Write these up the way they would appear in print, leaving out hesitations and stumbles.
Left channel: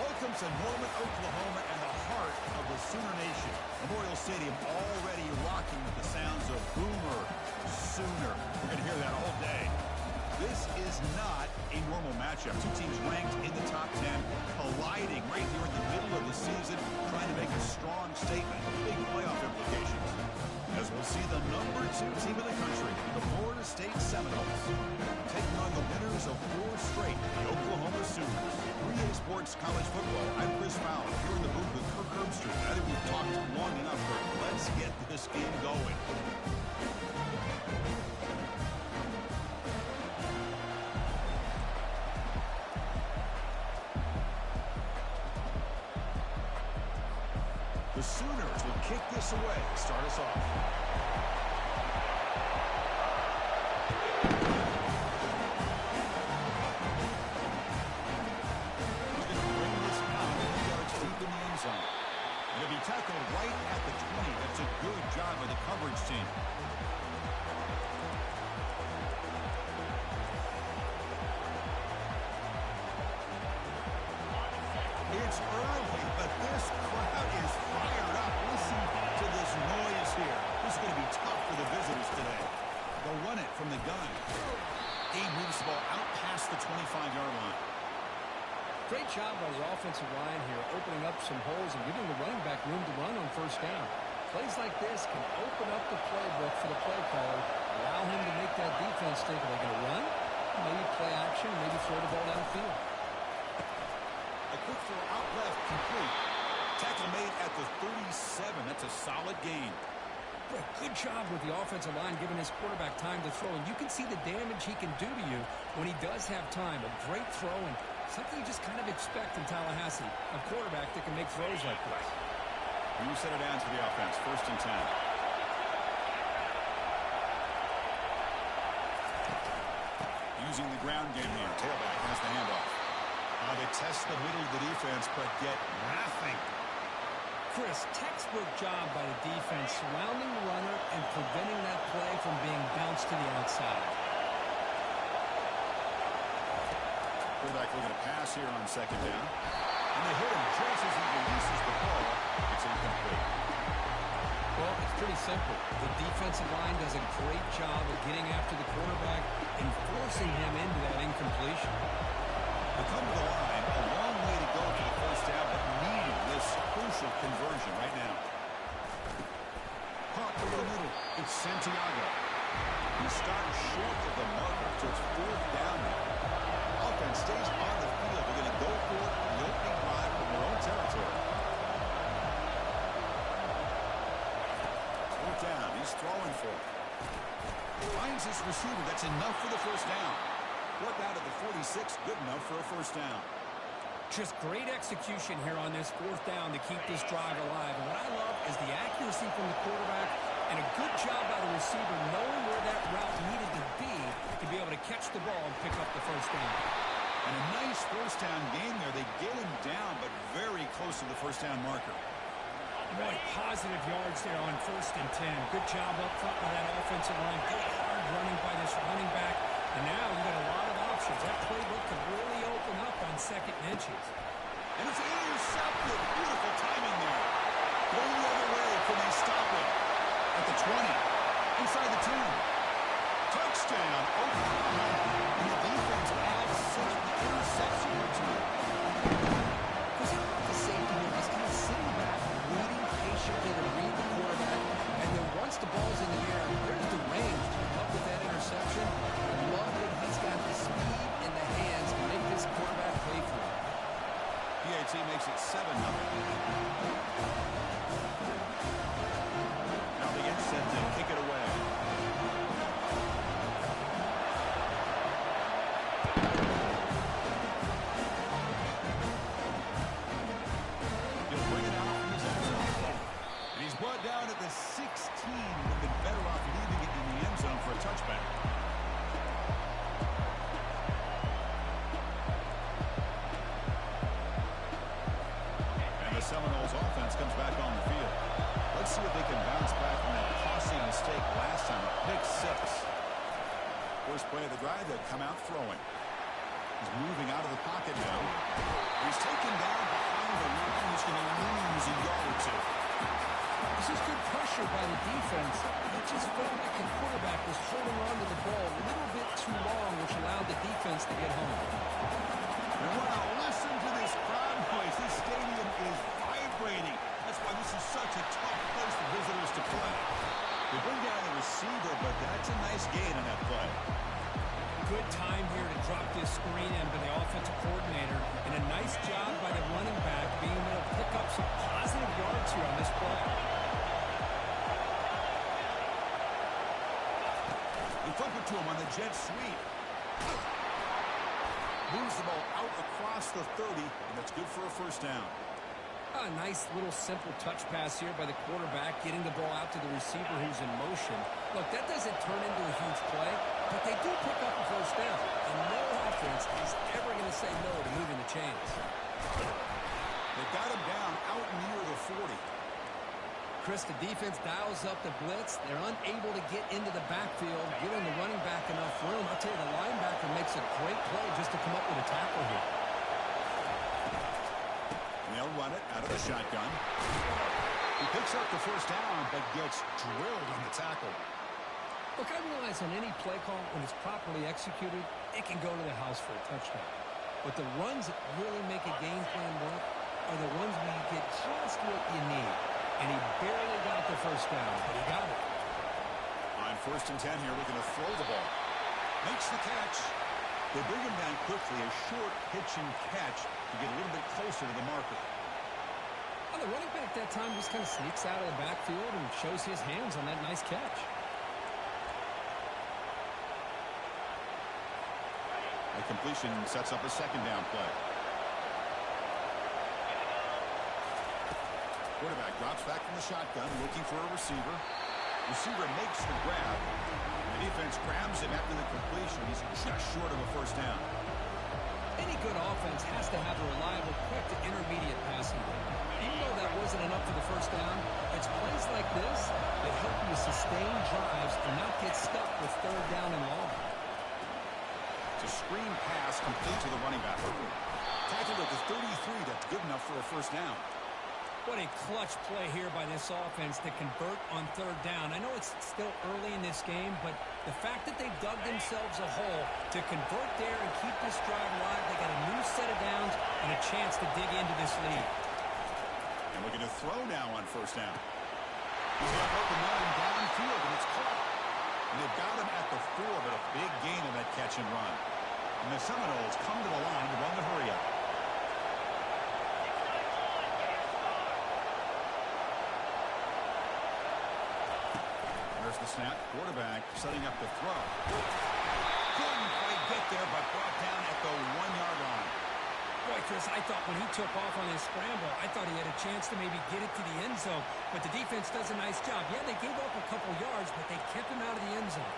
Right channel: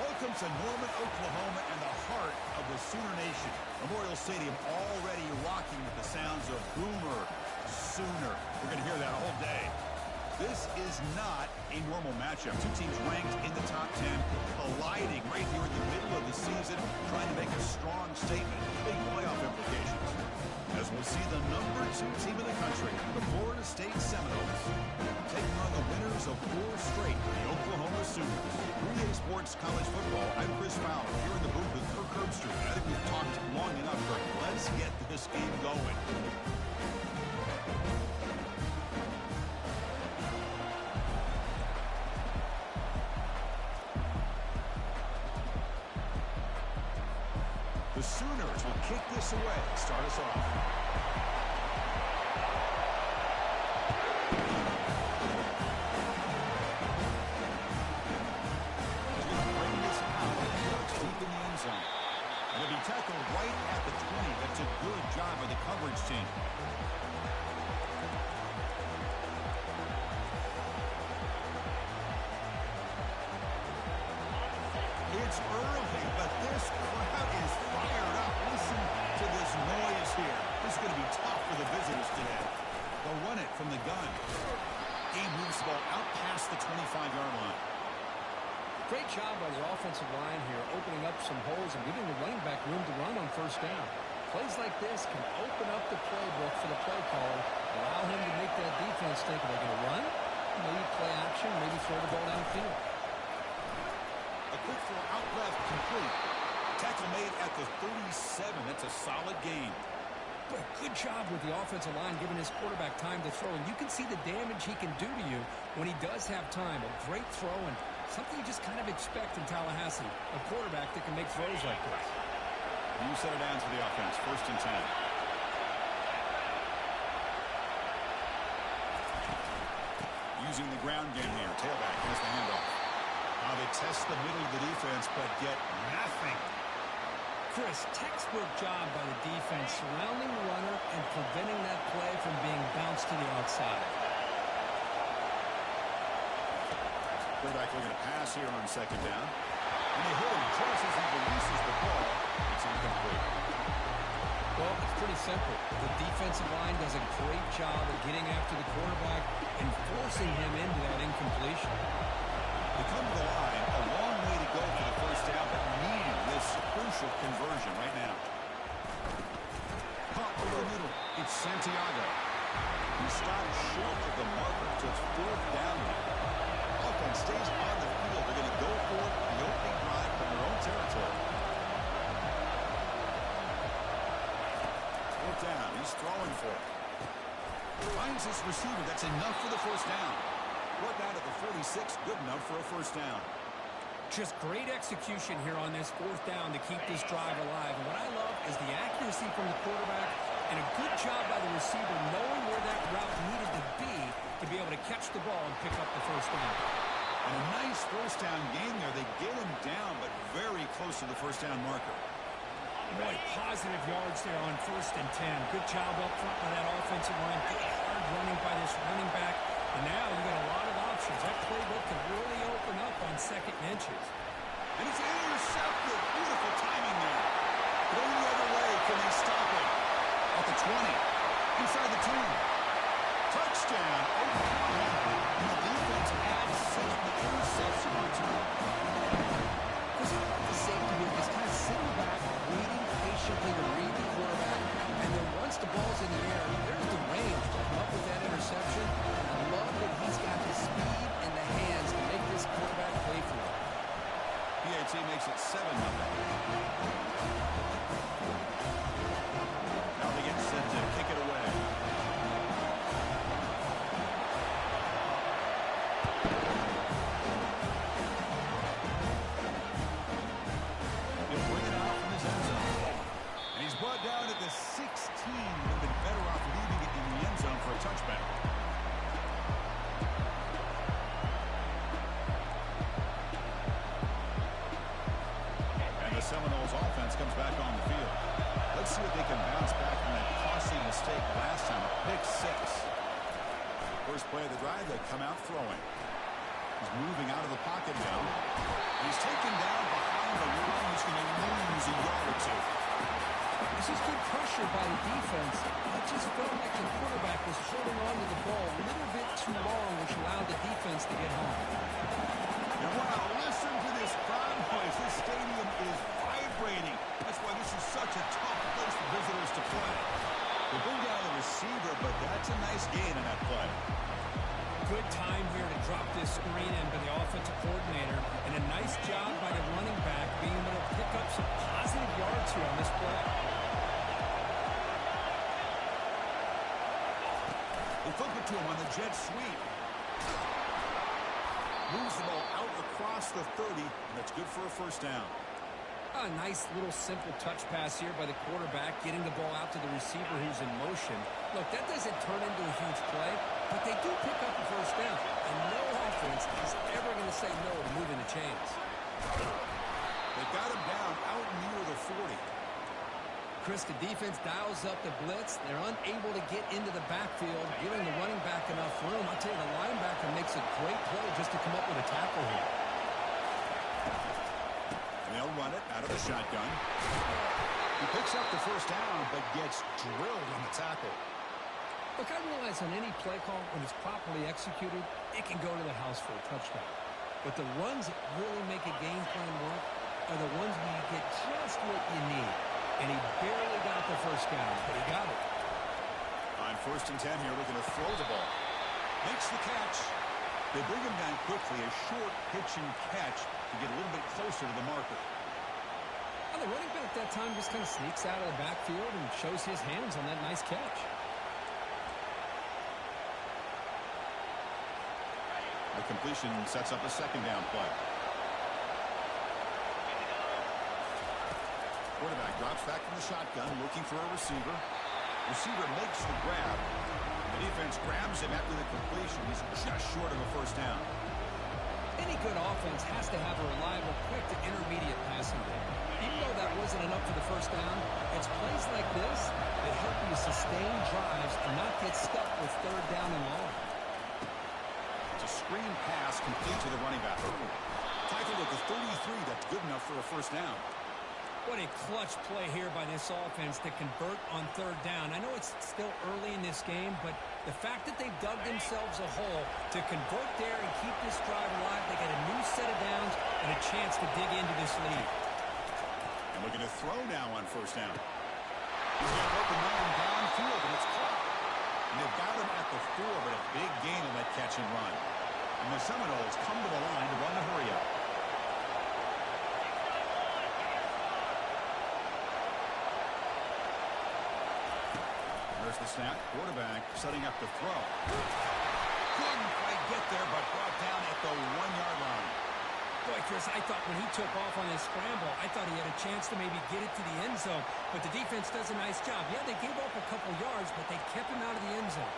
Welcome to Norman, Oklahoma, and the heart of the Sooner Nation. Memorial Stadium already rocking with the sounds of Boomer Sooner. We're going to hear that all day. This is not a normal matchup. Two teams ranked in the top 10, colliding right here in the middle of the season, trying to make a strong statement. Big playoff implications. As we'll see the number 2 team in the country, the Florida State Seminoles, taking on the winners of 4 straight, the Oklahoma Sooners. 3A Sports College Football, I'm Chris Fowler, here in the booth with Kirk Herbstreit. I think we've talked long enough, Kirk. Let's get this game going. The Sooners will kick this away, start us off. He's going to bring this out 1 yards deep in the end zone. And it'll be tackled right at the 20. That's a good job by the coverage team. It's early, but this crowd is fired up. Listen to this noise here. This is going to be tough for the visitors today. They'll run it from the gun. He moves the ball out past the 25-yard line. Great job by the offensive line here, opening up some holes and giving the running back room to run on first down. Plays like this can open up the playbook for the play caller, allow him to make that defense think, are they going to run? Maybe play action, maybe throw the ball downfield. A quick throw out left, complete. Tackle made at the 37. That's a solid gain. But good job with the offensive line giving his quarterback time to throw. And you can see the damage he can do to you when he does have time. A great throw and something you just kind of expect in Tallahassee. A quarterback that can make throws like this. You set it down for the offense. 1st and 10. Using the ground game here. Tailback has the handoff. They test the middle of the defense, but get nothing. Chris, textbook job by the defense surrounding the runner and preventing that play from being bounced to the outside. Quarterback looking to pass here on 2nd down. And they hit him just as he releases the ball. It's incomplete. Well, it's pretty simple. The defensive line does a great job of getting after the quarterback and forcing him into that incompletion. They come to the line, a long way to go for the 1st down, but needing this crucial conversion right now. Caught over the middle. It's Santiago. He stopped short of the marker, so it's 4th down now. Offense stays on the field. They're going to go for it in the opening drive from their own territory. 4th down. He's throwing for it. Finds his receiver. That's enough for the 1st down. Brought down to the 46, good enough for a 1st down. Just great execution here on this 4th down to keep this drive alive. And what I love is the accuracy from the quarterback and a good job by the receiver knowing where that route needed to be able to catch the ball and pick up the 1st down. And a nice 1st down gain there. They get him down, but very close to the 1st down marker. Boy, positive yards there on 1st and 10. Good job up front by that offensive line. Good hard running by this running back. And now you've got a lot of options. That playbook can really open up on 2nd and inches. And it's intercepted. Beautiful timing there. Going the other way. Can they stop it? At the 20. Inside the 10. Touchdown, Oklahoma. And the defense adds 6 with the interception return. Because how about the safety here just kind of sitting back, waiting patiently to read the quarterback, and then once the ball's in the air, there's the range to come up with that interception. I love that he's got the speed and the hands to make this quarterback pay for it. PAT makes it 7-0. Now they get set to kick it away. He'll bring it out from his end zone. And he's brought down at the 16. Would have been better off leaving it in the end zone for a touchback. And the Seminoles offense comes back on the field. Let's see if they can bounce back from that costly mistake last time, a pick 6. First play of the drive, they come out throwing. He's moving out of the pocket now. He's taken down behind the line. He's going to lose a yard or two. This is good pressure by the defense. It just felt like the quarterback was holding on to the ball a little bit too long, which allowed the defense to get home. And wow, listen to this crowd noise. This stadium is vibrating. That's why this is such a tough place for visitors to play. They bring down the receiver, but that's a nice gain on that play. Good time here to drop this screen in by the offensive coordinator, and a nice job by the running back being able to pick up some positive yards here on this play. They flip it to him on the jet sweep. Moves the ball out across the 30, and that's good for a first down. A nice little simple touch pass here by the quarterback, getting the ball out to the receiver who's in motion. Look, that doesn't turn into a huge play, but they do pick up a first down, and no offense is ever going to say no to moving the chains. They've got him down out near the 40. Chris, the defense dials up the blitz. They're unable to get into the backfield, giving the running back enough room. I'll tell you, the linebacker makes a great play just to come up with a tackle here. And they'll run it out of the shotgun. He picks up the first down, but gets drilled on the tackle. Look, I realize on any play call, when it's properly executed, it can go to the house for a touchdown. But the runs that really make a game plan work are the ones where you get just what you need. And he barely got the first down, but he got it. On 1st and 10 here, looking to throw the ball. Makes the catch. They bring him down quickly, a short pitch and catch to get a little bit closer to the marker. Well, the running back that time just kind of sneaks out of the backfield and shows his hands on that nice catch. A completion sets up a second down play. Quarterback drops back from the shotgun, looking for a receiver. Receiver makes the grab. The defense grabs him after the completion. He's just short of a first down. Any good offense has to have a reliable, quick to intermediate passing game. Even though that wasn't enough for the first down, it's plays like this that help you sustain drives and not get stuck with 3rd down and long. It's a screen pass complete to the running back. Tackled at the 33. That's good enough for a first down. What a clutch play here by this offense to convert on 3rd down. I know it's still early in this game, but the fact that they've dug themselves a hole to convert there and keep this drive alive, they got a new set of downs and a chance to dig into this lead. And looking to throw now on 1st down. He's got an open man downfield, and it's caught. And they've got him at the 4, but a big gain on that catch and run. And the Seminoles come to the line to run the hurry-up. There's the snap. Quarterback setting up to throw. Couldn't quite get there, but brought down at the 1-yard line. Boy, Chris, I thought when he took off on his scramble, I thought he had a chance to maybe get it to the end zone. But the defense does a nice job. Yeah, they gave up a couple yards, but they kept him out of the end zone.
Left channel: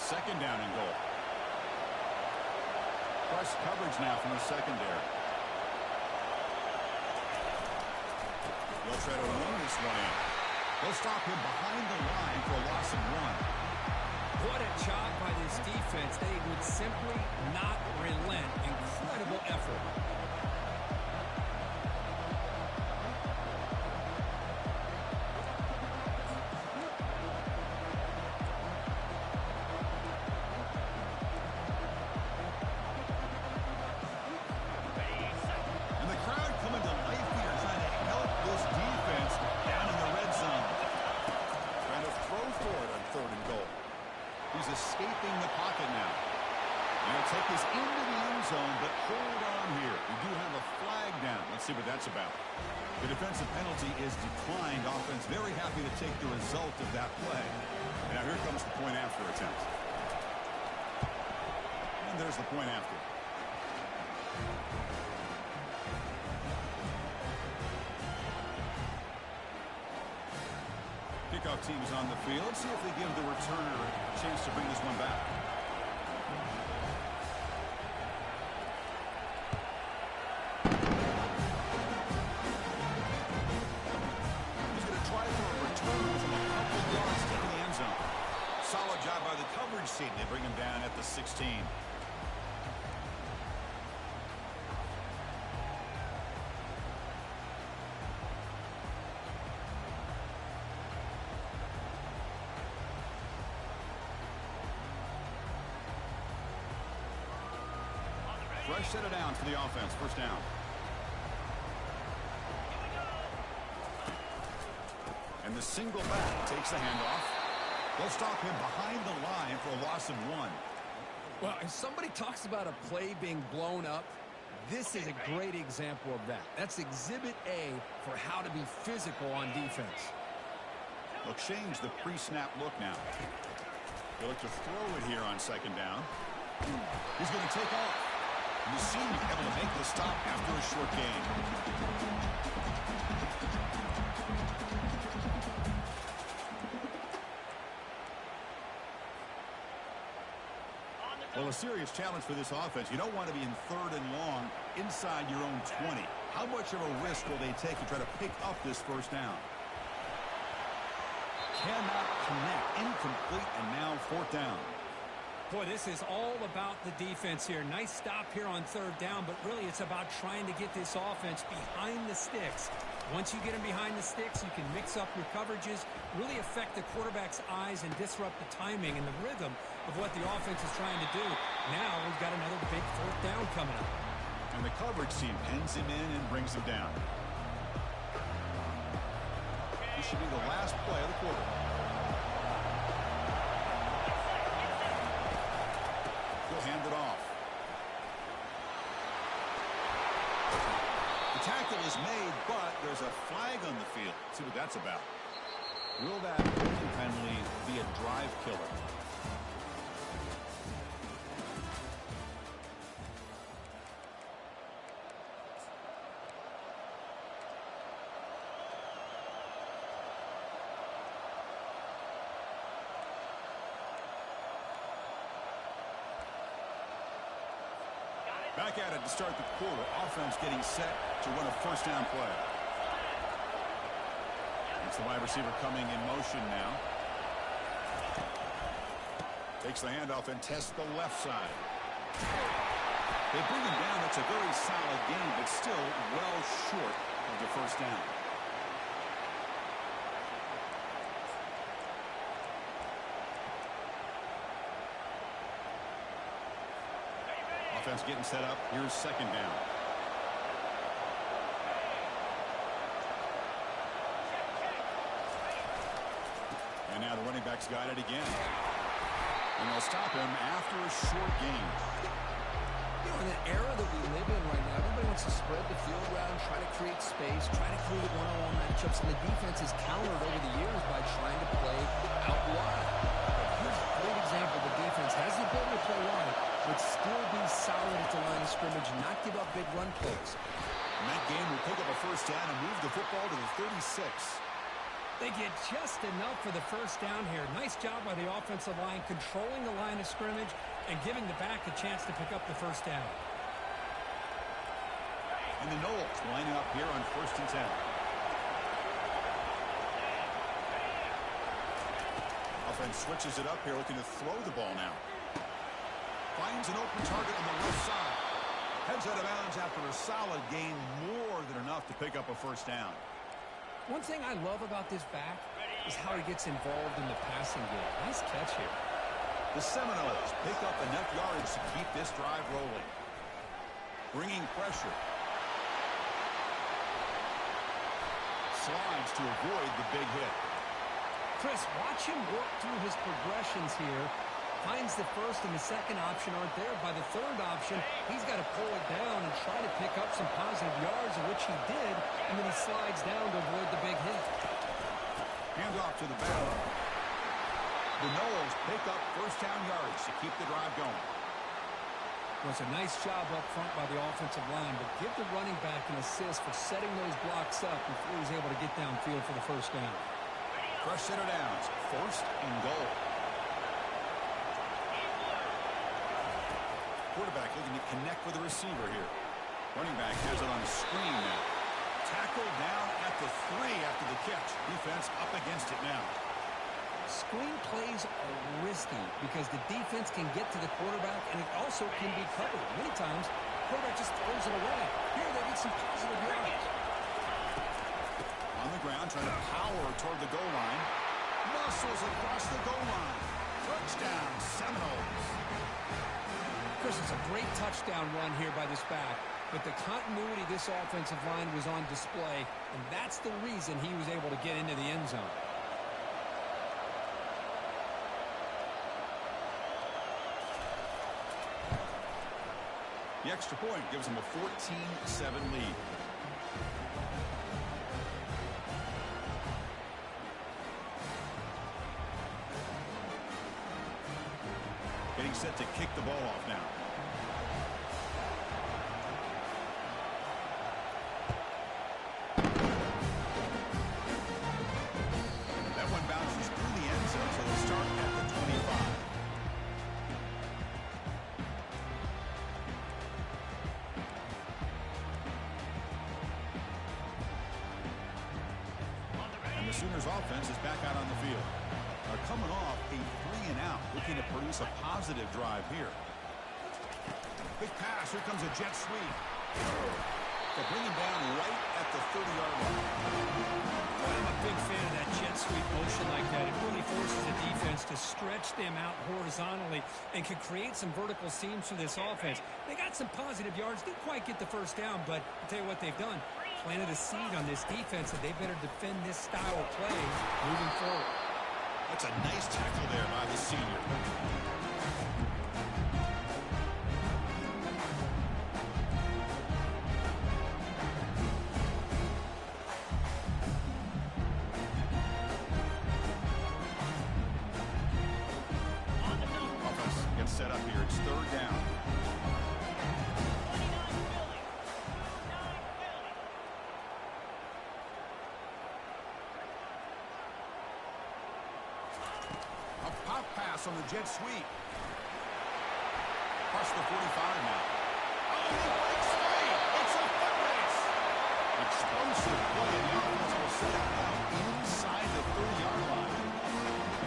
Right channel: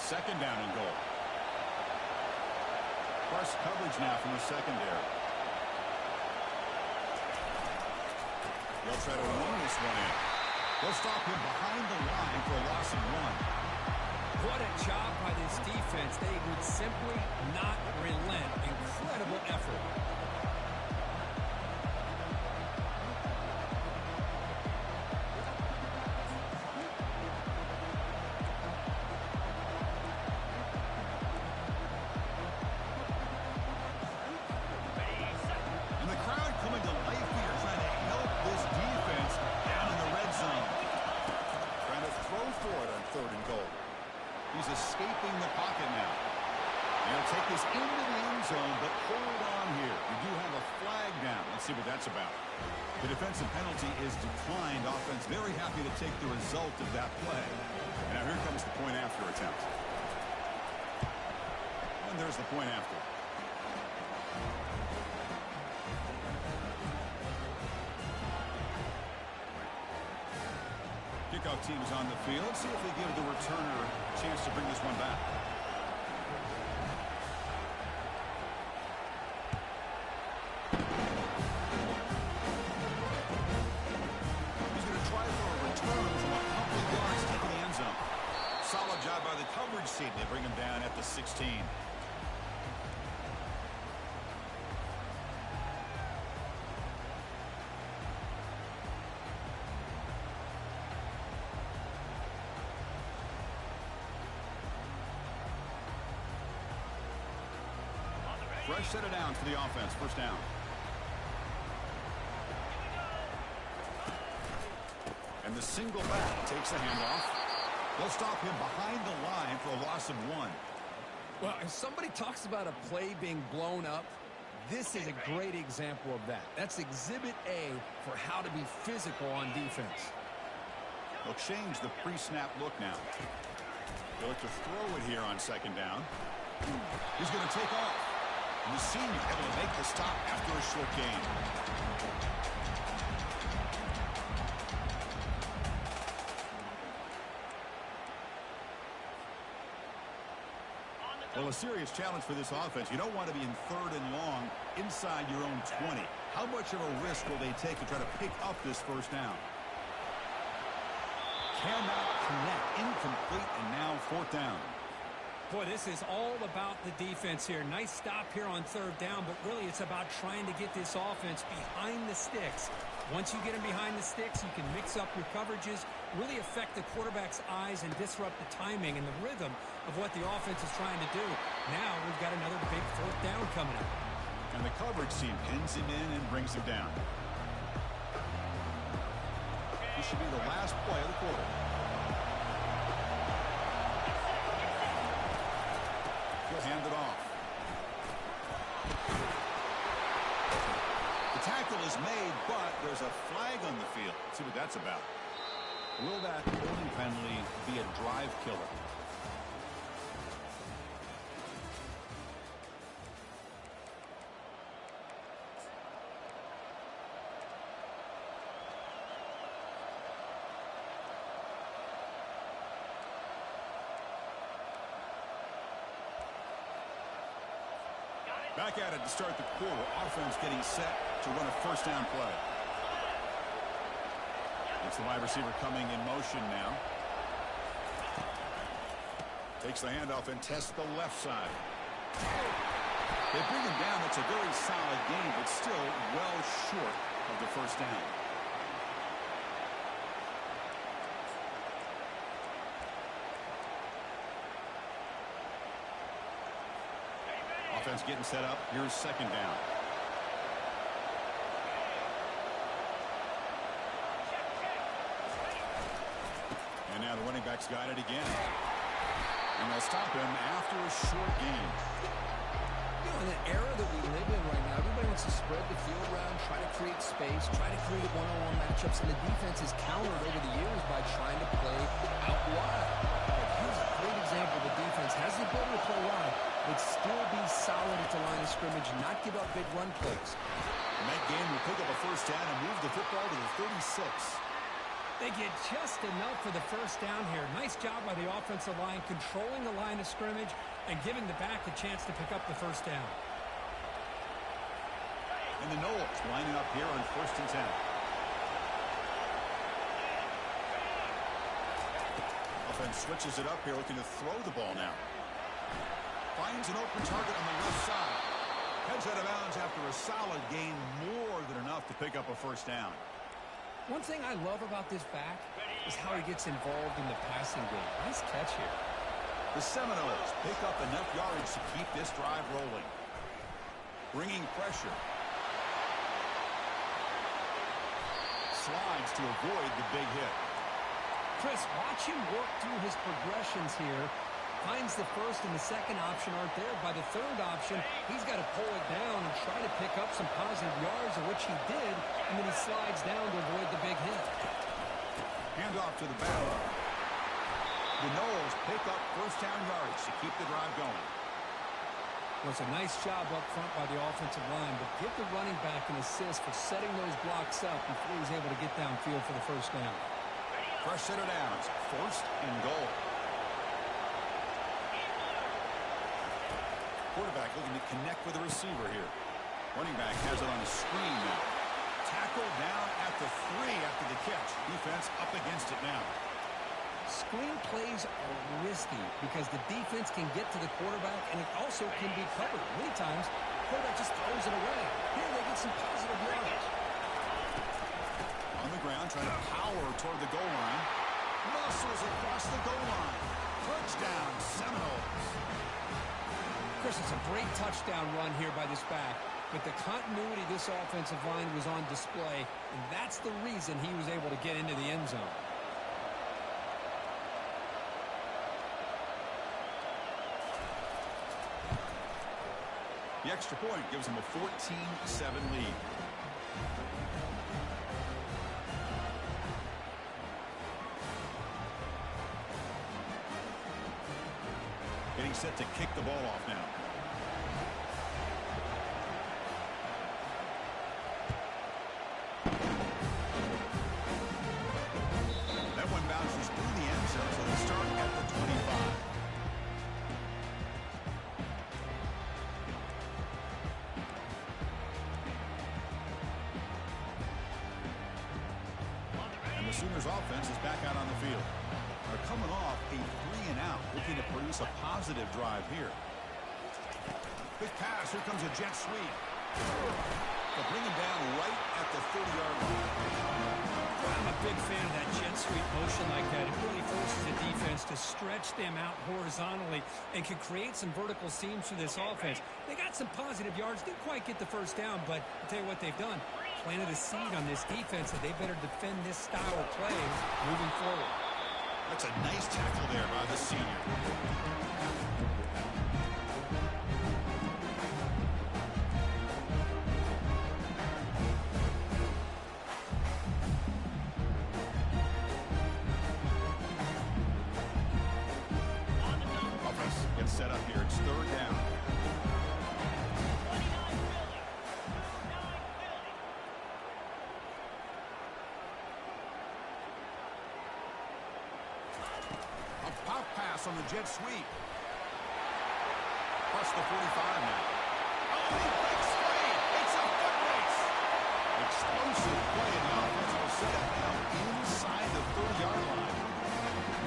Second down and goal. Plus coverage now from the secondary. They'll try to run this one in. They'll stop him behind the line for a loss of 1. What a job by this defense. They would simply not relent. Incredible effort. And the crowd coming to life here, trying to help this defense down in the red zone. Trying to throw for it on 3rd and goal. He's escaping the pocket now. And he'll take this into the end zone, but hold on here. We do have a flag down. Let's see what that's about. The defensive penalty is declined. Offense very happy to take the result of that play. And now here comes the point after attempt. And there's the point after. Kickoff team is on the field. Let's see if they give the returner a chance to bring this one back. He's going to try for a return from a couple yards to the end zone. coverage seat. They bring him down at the 16. Fresh set of downs for the offense. First down. And the single back takes the handoff. They'll stop him behind the line for a loss of 1. Well, if somebody talks about a play being blown up, this is a great example of that. That's exhibit A for how to be physical on defense. They'll change the pre-snap look now. They'll look to throw it here on second down. He's going to take off. And the senior able to make the stop after a short gain. Well, a serious challenge for this offense. You don't want to be in 3rd and long inside your own 20. How much of a risk will they take to try to pick up this first down? Cannot connect. Incomplete, and now 4th down. Boy, this is all about the defense here. Nice stop here on 3rd down, but really it's about trying to get this offense behind the sticks. Once you get them behind the sticks, you can mix up your coverages, really affect the quarterback's eyes and disrupt the timing and the rhythm of what the offense is trying to do. Now we've got another big 4th down coming up. And the coverage team pins him in and brings him down. This should be the last play of the quarter. He'll hand it off. The tackle is made, but there's a flag on the field. Let's see what that's about. Will that holding penalty be a drive killer? Back at it to start the quarter. Offense getting set to run a first down play. It's the wide receiver coming in motion now. Takes the handoff and tests the left side. They bring him down. It's a very solid game, but still well short of the first down. Offense getting set up. Here's second down. And now the running back's got it again. And they'll stop him after a short gain. You know, in the era that we live in right now, everybody wants to spread the field around, try to create space, try to create one-on-one matchups, and the defense is countered over the years by trying to play out wide. But here's a great example. The defense has the ability to play wide, but still be solid at the line of scrimmage, not give up big run plays. And that game will pick up a first down and move the football to the 36. They get just enough for the first down here. Nice job by the offensive line, controlling the line of scrimmage and giving the back a chance to pick up the first down. And the Noles lining up here on 1st and 10. Offense switches it up here, looking to throw the ball now. Finds an open target on the left side. Heads out of bounds after a solid gain, more than enough to pick up a first down. One thing I love about this back is how he gets involved in the passing game. Nice catch here. The Seminoles pick up enough yardage to keep this drive rolling. Bringing pressure. Slides to avoid the big hit. Chris, watch him work through his progressions here. Finds the first and the second option aren't there. By the third option, he's got to pull it down and try to pick up some positive yards, of which he did, and then he slides down to avoid the big hit. Hand off to the back. The Noles pick up first down yardage to keep the drive going. Well, it's a nice job up front by the offensive line, but give the running back an assist for setting those blocks up before he was able to get downfield for the first down. Fresh set of downs, 1st and goal. Quarterback looking to connect with the receiver here. Running back has it on a screen now. Tackle down at the 3 after the catch. Defense up against it now. Screen plays are risky because the defense can get to the quarterback, and it also can be covered. Many times, the quarterback just throws it away. Here they get some positive yards. On the ground, trying to power toward the goal line. Muscles across the goal line. Touchdown, Seminoles. Chris, it's a great touchdown run here by this back, but the continuity of this offensive line was on display, and that's the reason he was able to get into the end zone. The extra point gives them a 14-7 lead. Getting set to kick the ball off now. That one bounces through the end zone, so they'll start at the 25. And the Sooners offense is back out on the field. They're coming off a 3-and-out, looking to produce a positive drive here. Big pass. Here comes a jet sweep. They'll bring him down right at the 30-yard line. Well, I'm a big fan of that jet sweep motion like that. It really forces the defense to stretch them out horizontally and can create some vertical seams for this offense. They got some positive yards. Didn't quite get the first down, but I'll tell you what they've done. Planted a seed on this defense that they better defend this style of play moving forward. That's a nice tackle there by the senior. Offense gets set up here. It's third down. Pop pass on the jet sweep. Across the 45 now. Oh, he breaks free. It's a foot race. Explosive play, and the offense will set it now inside the 30-yard line.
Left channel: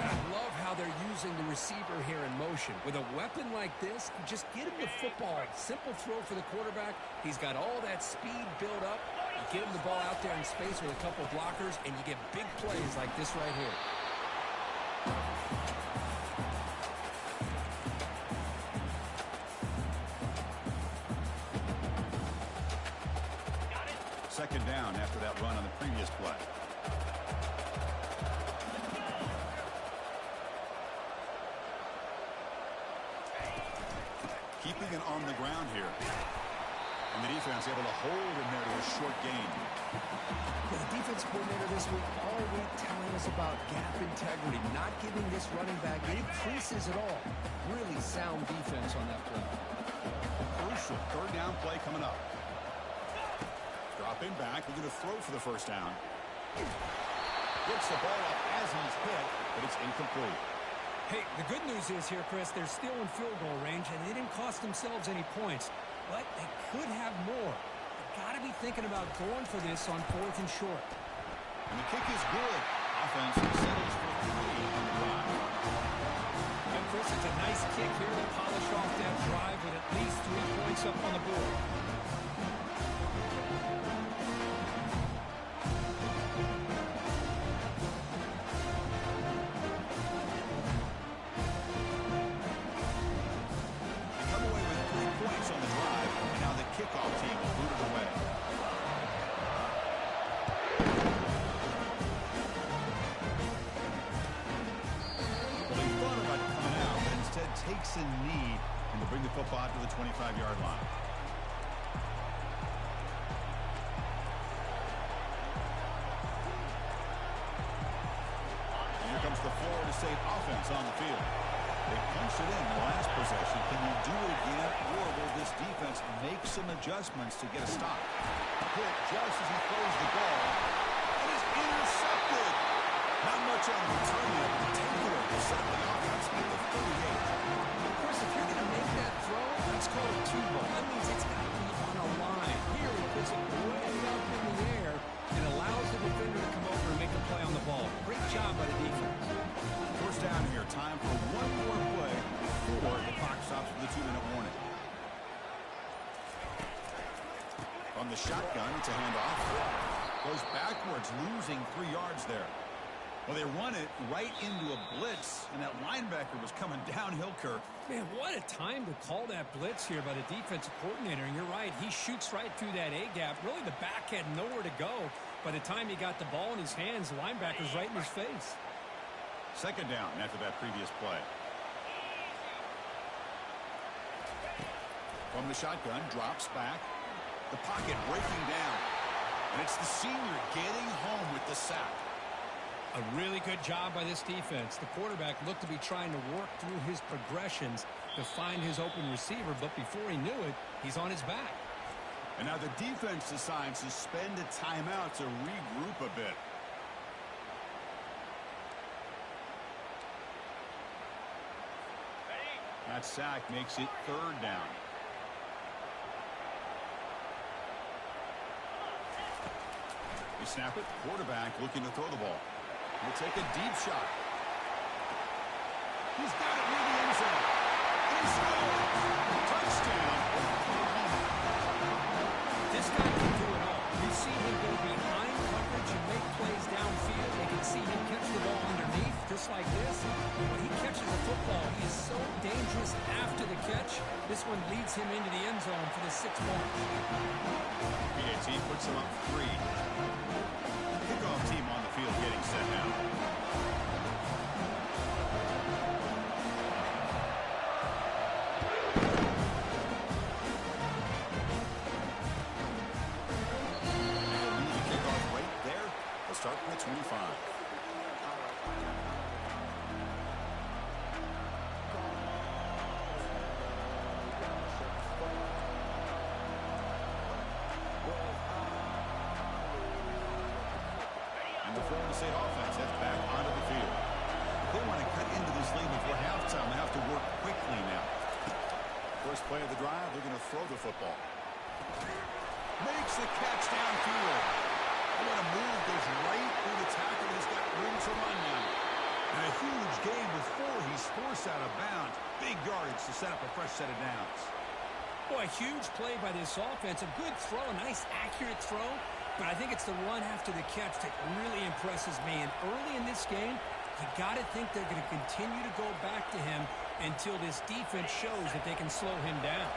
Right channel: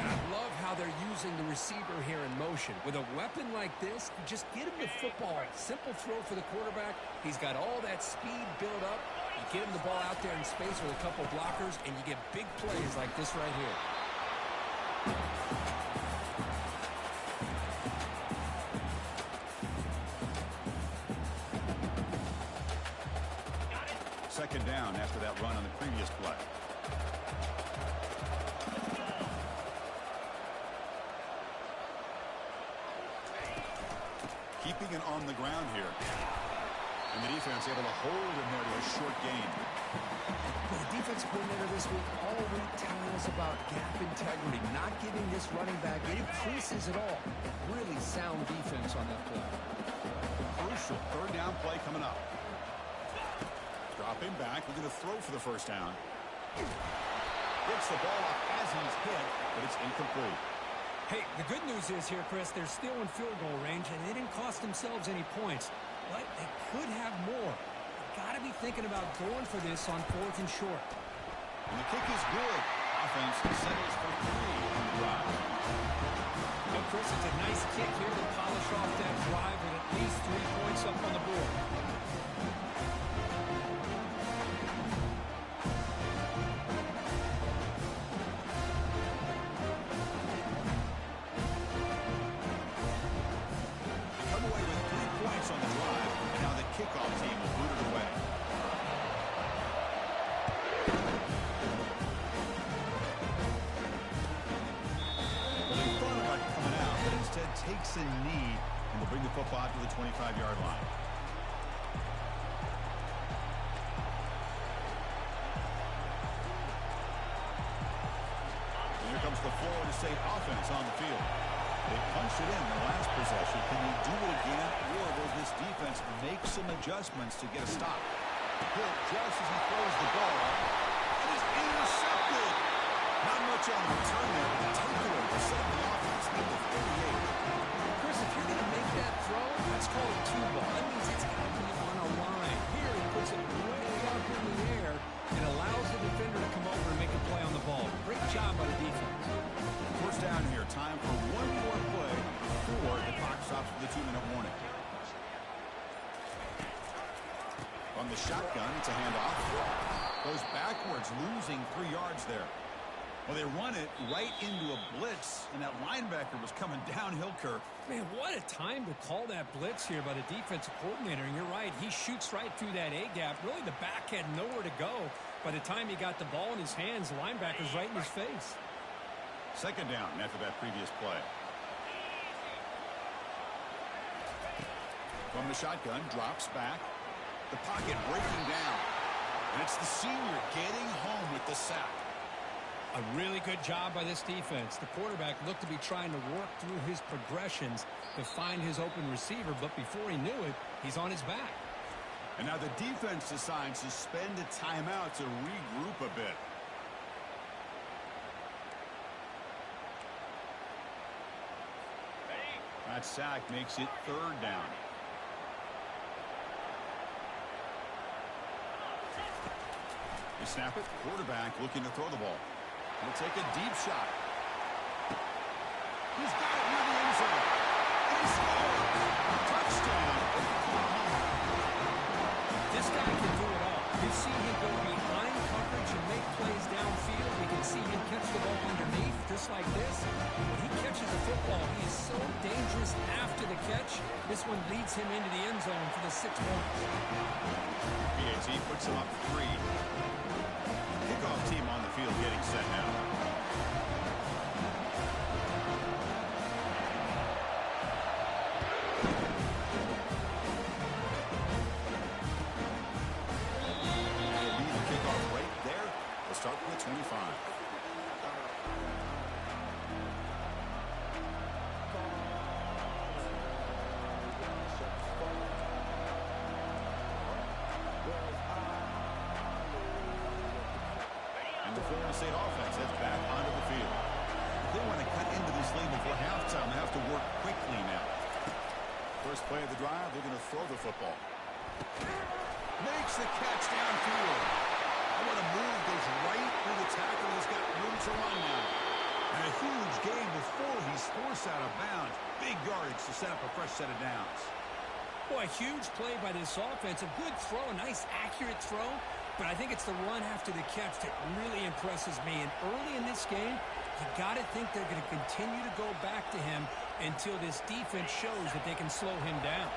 And I love how they're using the receiver here in motion. With a weapon like this, you just get him the football. Simple throw for the quarterback. He's got all that speed built up. You get him the ball out there in space with a couple blockers, and you get big plays like this right here. Second down after that run on the previous play. Keeping it on the ground here. And the defense able to hold him there to a short gain. The defense coordinator this week all week telling us about gap integrity, not giving this running back any creases at all. Really sound defense on that play. Crucial third down play coming up. Dropping back, looking to throw for the first down. Gets the ball up as he's hit, but it's incomplete. Hey, the good news is here, Chris, they're still in field goal range, and they didn't cost themselves any points. But they could have more. They've got to be thinking about going for this on 4th and short. And the kick is good. Offense settles for 3 on the drive. Well, Chris, it's a nice kick here to polish off that drive with at least 3 points up on the board. On the drive, and now the kickoff team will boot it away. Well, he thought about coming out, but instead takes a knee and will bring the football out to the 25-yard line. And here comes the Florida State offense on the field. They punched it in the last possession. Can they do it again, or will this defense make some adjustments to get a stop? Hit just as he throws the ball. It is intercepted. Not much on the return there, but the takeaway will set up the offense at the 38. Chris, if you're going to make that throw, that's called a two ball. That means it's got to be on a line. Here he puts it way up in the air and allows the defender to come over and make a play on the ball. Great job by the defense. First down here. Time for one more play before the clock stops with a 2-minute warning. From the shotgun, it's a handoff. Goes backwards, losing 3 yards there. Well, they run it right into a blitz, and that linebacker was coming downhill, Kirk. Man, what a time to call that blitz here by the defensive coordinator. And you're right, he shoots right through that A-gap. Really, the back had nowhere to go. By the time he got the ball in his hands, the linebacker's right in his face. Second down after that previous play. From the shotgun, drops back. The pocket breaking down. And it's the senior getting home with the sack. A really good job by this defense. The quarterback looked to be trying to work through his progressions to find his open receiver, but before he knew it, he's on his back. And now the defense decides to spend a timeout to regroup a bit. That sack makes it third down. You snap it, quarterback looking to throw the ball. He'll take a deep shot. He's got it near the end zone. And he scores! Touchdown, Oklahoma. This guy can do it all. We've seen him go behind coverage and make plays downfield. We can see him catch the ball underneath, just like this. But when he catches a football, he is so dangerous after the catch. This one leads him into the end zone for the 6 points. PAT puts him up 3. Kickoff team on the field getting set now. And lead the kickoff right there. We'll start from the 25. The Florida State offense heads back onto the field. If they want to cut into this lead before halftime, they have to work quickly now. First play of the drive, they're going to throw the football. Makes the catch downfield. And what a move, goes right through the tackle. He's got room to run now. And a huge gain before he's forced out of bounds. Big yardage to set up a fresh set of downs. Boy, a huge play by this offense. A good throw, a nice accurate throw. But I think it's the run after the catch that really impresses me. And early in this game, you got to think they're going to continue to go back to him until this defense shows that they can slow him down.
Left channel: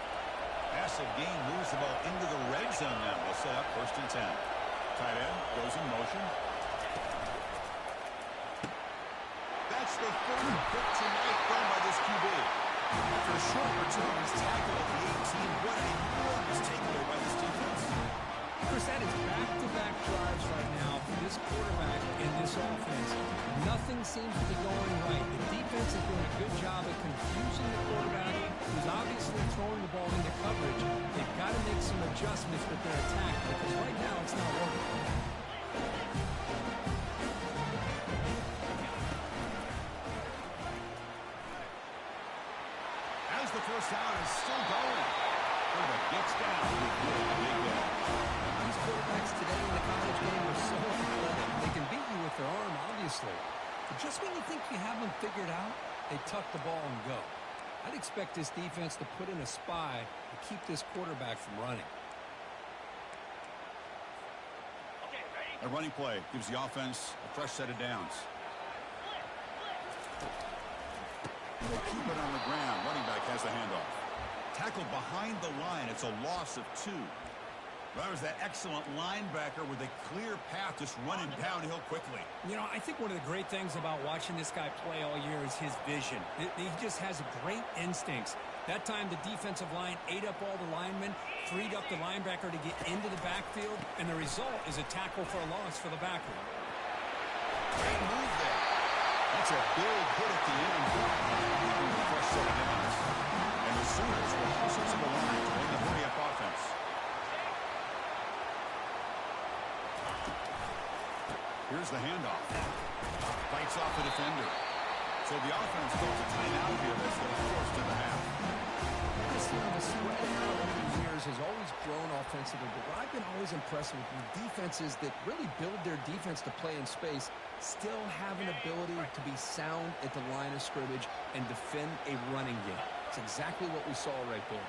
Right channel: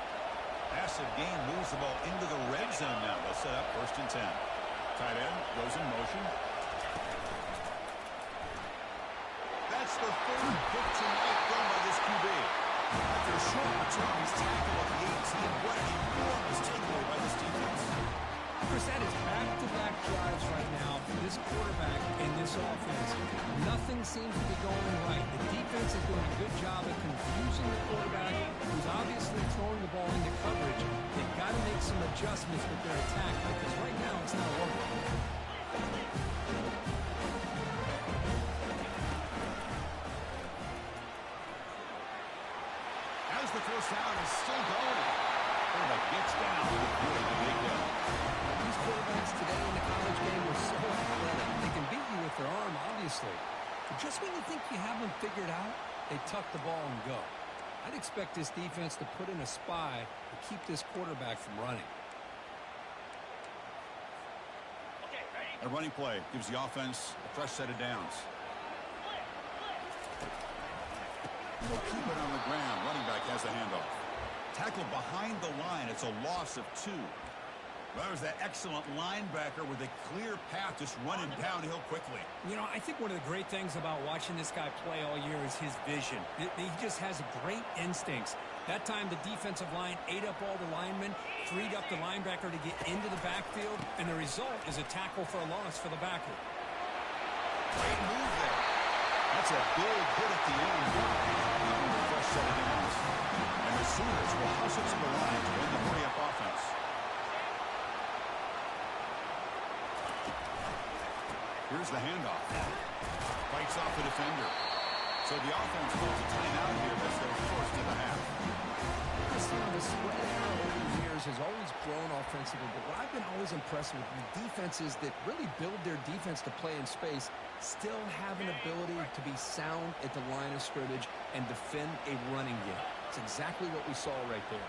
Massive gain, moves the ball into the red zone now. They'll set up 1st and 10. Tight end goes in motion. That's the 3rd pick tonight thrown by this QB. After a short return, he's tackled at the 18. What an enormous takeaway by this defense. Chris, that is back-to-back drives right now for this quarterback and this offense. Nothing seems to be going right. The defense is doing a good job of confusing the quarterback, who's obviously throwing the ball into coverage. They've got to make some adjustments with their attack because right now it's not working. As the first down is still going. Quarterback gets down with a good big hit. These quarterbacks today in the college game are so athletic. They can beat you with their arm, obviously. But just when you think you have them figured out, they tuck the ball and go. I'd expect this defense to put in a spy to keep this quarterback from running. A running play gives the offense a fresh set of downs. They'll keep it on the ground. Running back has the handoff. Tackled behind the line. It's a loss of 2. That was that excellent linebacker with a clear path just running downhill quickly. You know, I think one of the great things about watching this guy play all year is his vision. He just has great instincts. That time, the defensive line ate up all the linemen, freed up the linebacker to get into the backfield, and the result is a tackle for a loss for the backer. Great move there. That's a big hit at the end. A fresh set of downs. And the Sooners will hustle to the line to win the hurry-up offense. Here's the handoff. Fights off the defender. So the offense calls a timeout here as they're forced to the half. Chris, the spread era over the years has always grown offensively, but what I've been always impressed with defenses that really build their defense to play in space still have an ability to be sound at the line of scrimmage and defend a running game. It's exactly what we saw right there.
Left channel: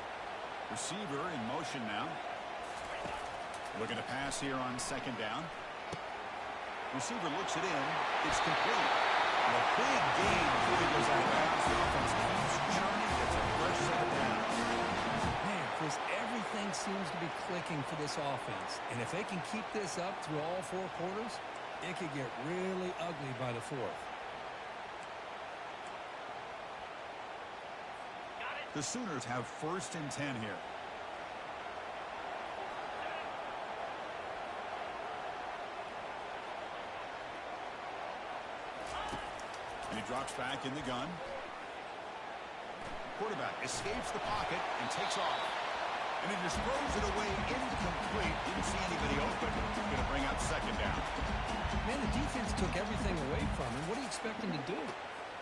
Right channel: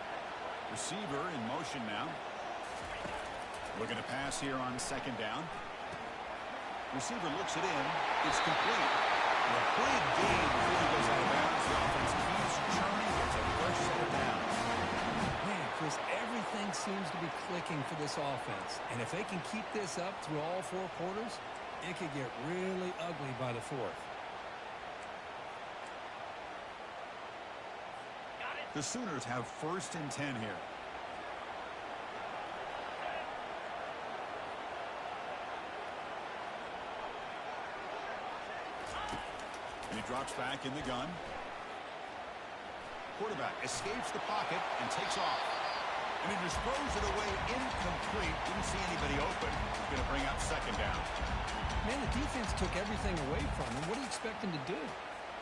Receiver in motion now. Looking to pass here on second down. Receiver looks it in. It's complete. And a big gain before he goes out of bounds. The offense keeps churning, gets a fresh set of downs. Man, Chris, everything seems to be clicking for this offense. And if they can keep this up through all four quarters, it could get really ugly by the fourth. The Sooners have 1st and 10 here. And he drops back in the gun. Quarterback escapes the pocket and takes off. And he just throws it away incomplete. Didn't see anybody open. He's going to bring up second down. Man, the defense took everything away from him. What do you expect him to do?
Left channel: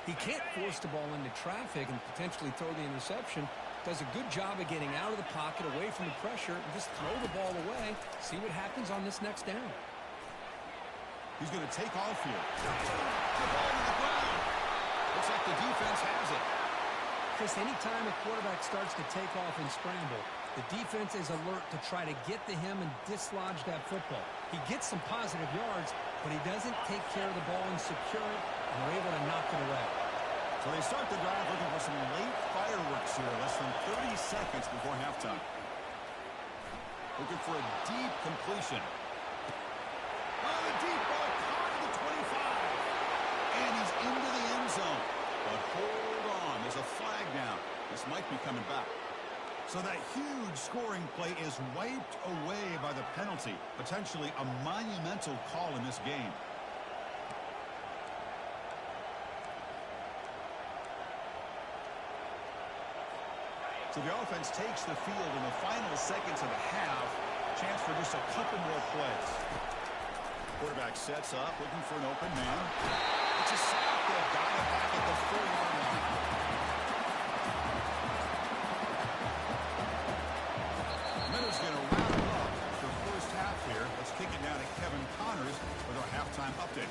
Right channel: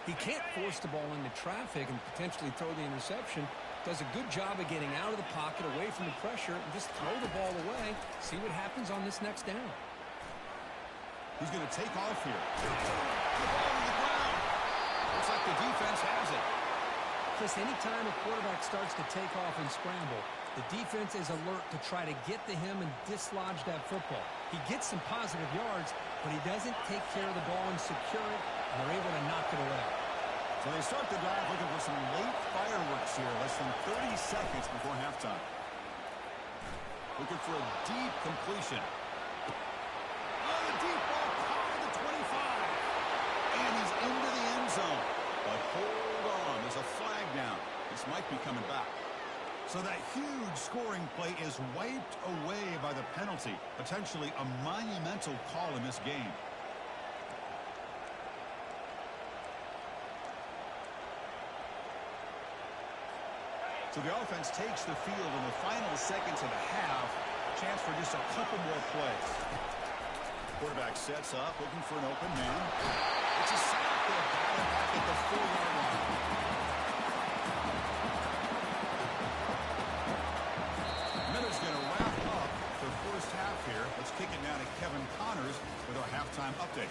He can't force the ball into traffic and potentially throw the interception. Does a good job of getting out of the pocket, away from the pressure, and just throw the ball away. See what happens on this next down. He's going to take off here. The ball to the ground. Looks like the defense has it. Chris, anytime a quarterback starts to take off and scramble, the defense is alert to try to get to him and dislodge that football. He gets some positive yards, but he doesn't take care of the ball and secure it, and they're able to knock it away. So they start the drive looking for some late fireworks here, less than 30 seconds before halftime. Looking for a deep completion. Oh, the deep ball caught at the 25. And he's into the end zone. But hold on, there's a flag down. This might be coming back. So that huge scoring play is wiped away by the penalty. Potentially a monumental call in this game. So the offense takes the field in the final seconds of the half. Chance for just a couple more plays. Quarterback sets up, looking for an open man. It's a sack. They've got him back at the 4-yard line. Miller's going to wrap up the first half here. Let's kick it now to Kevin Connors with our halftime update.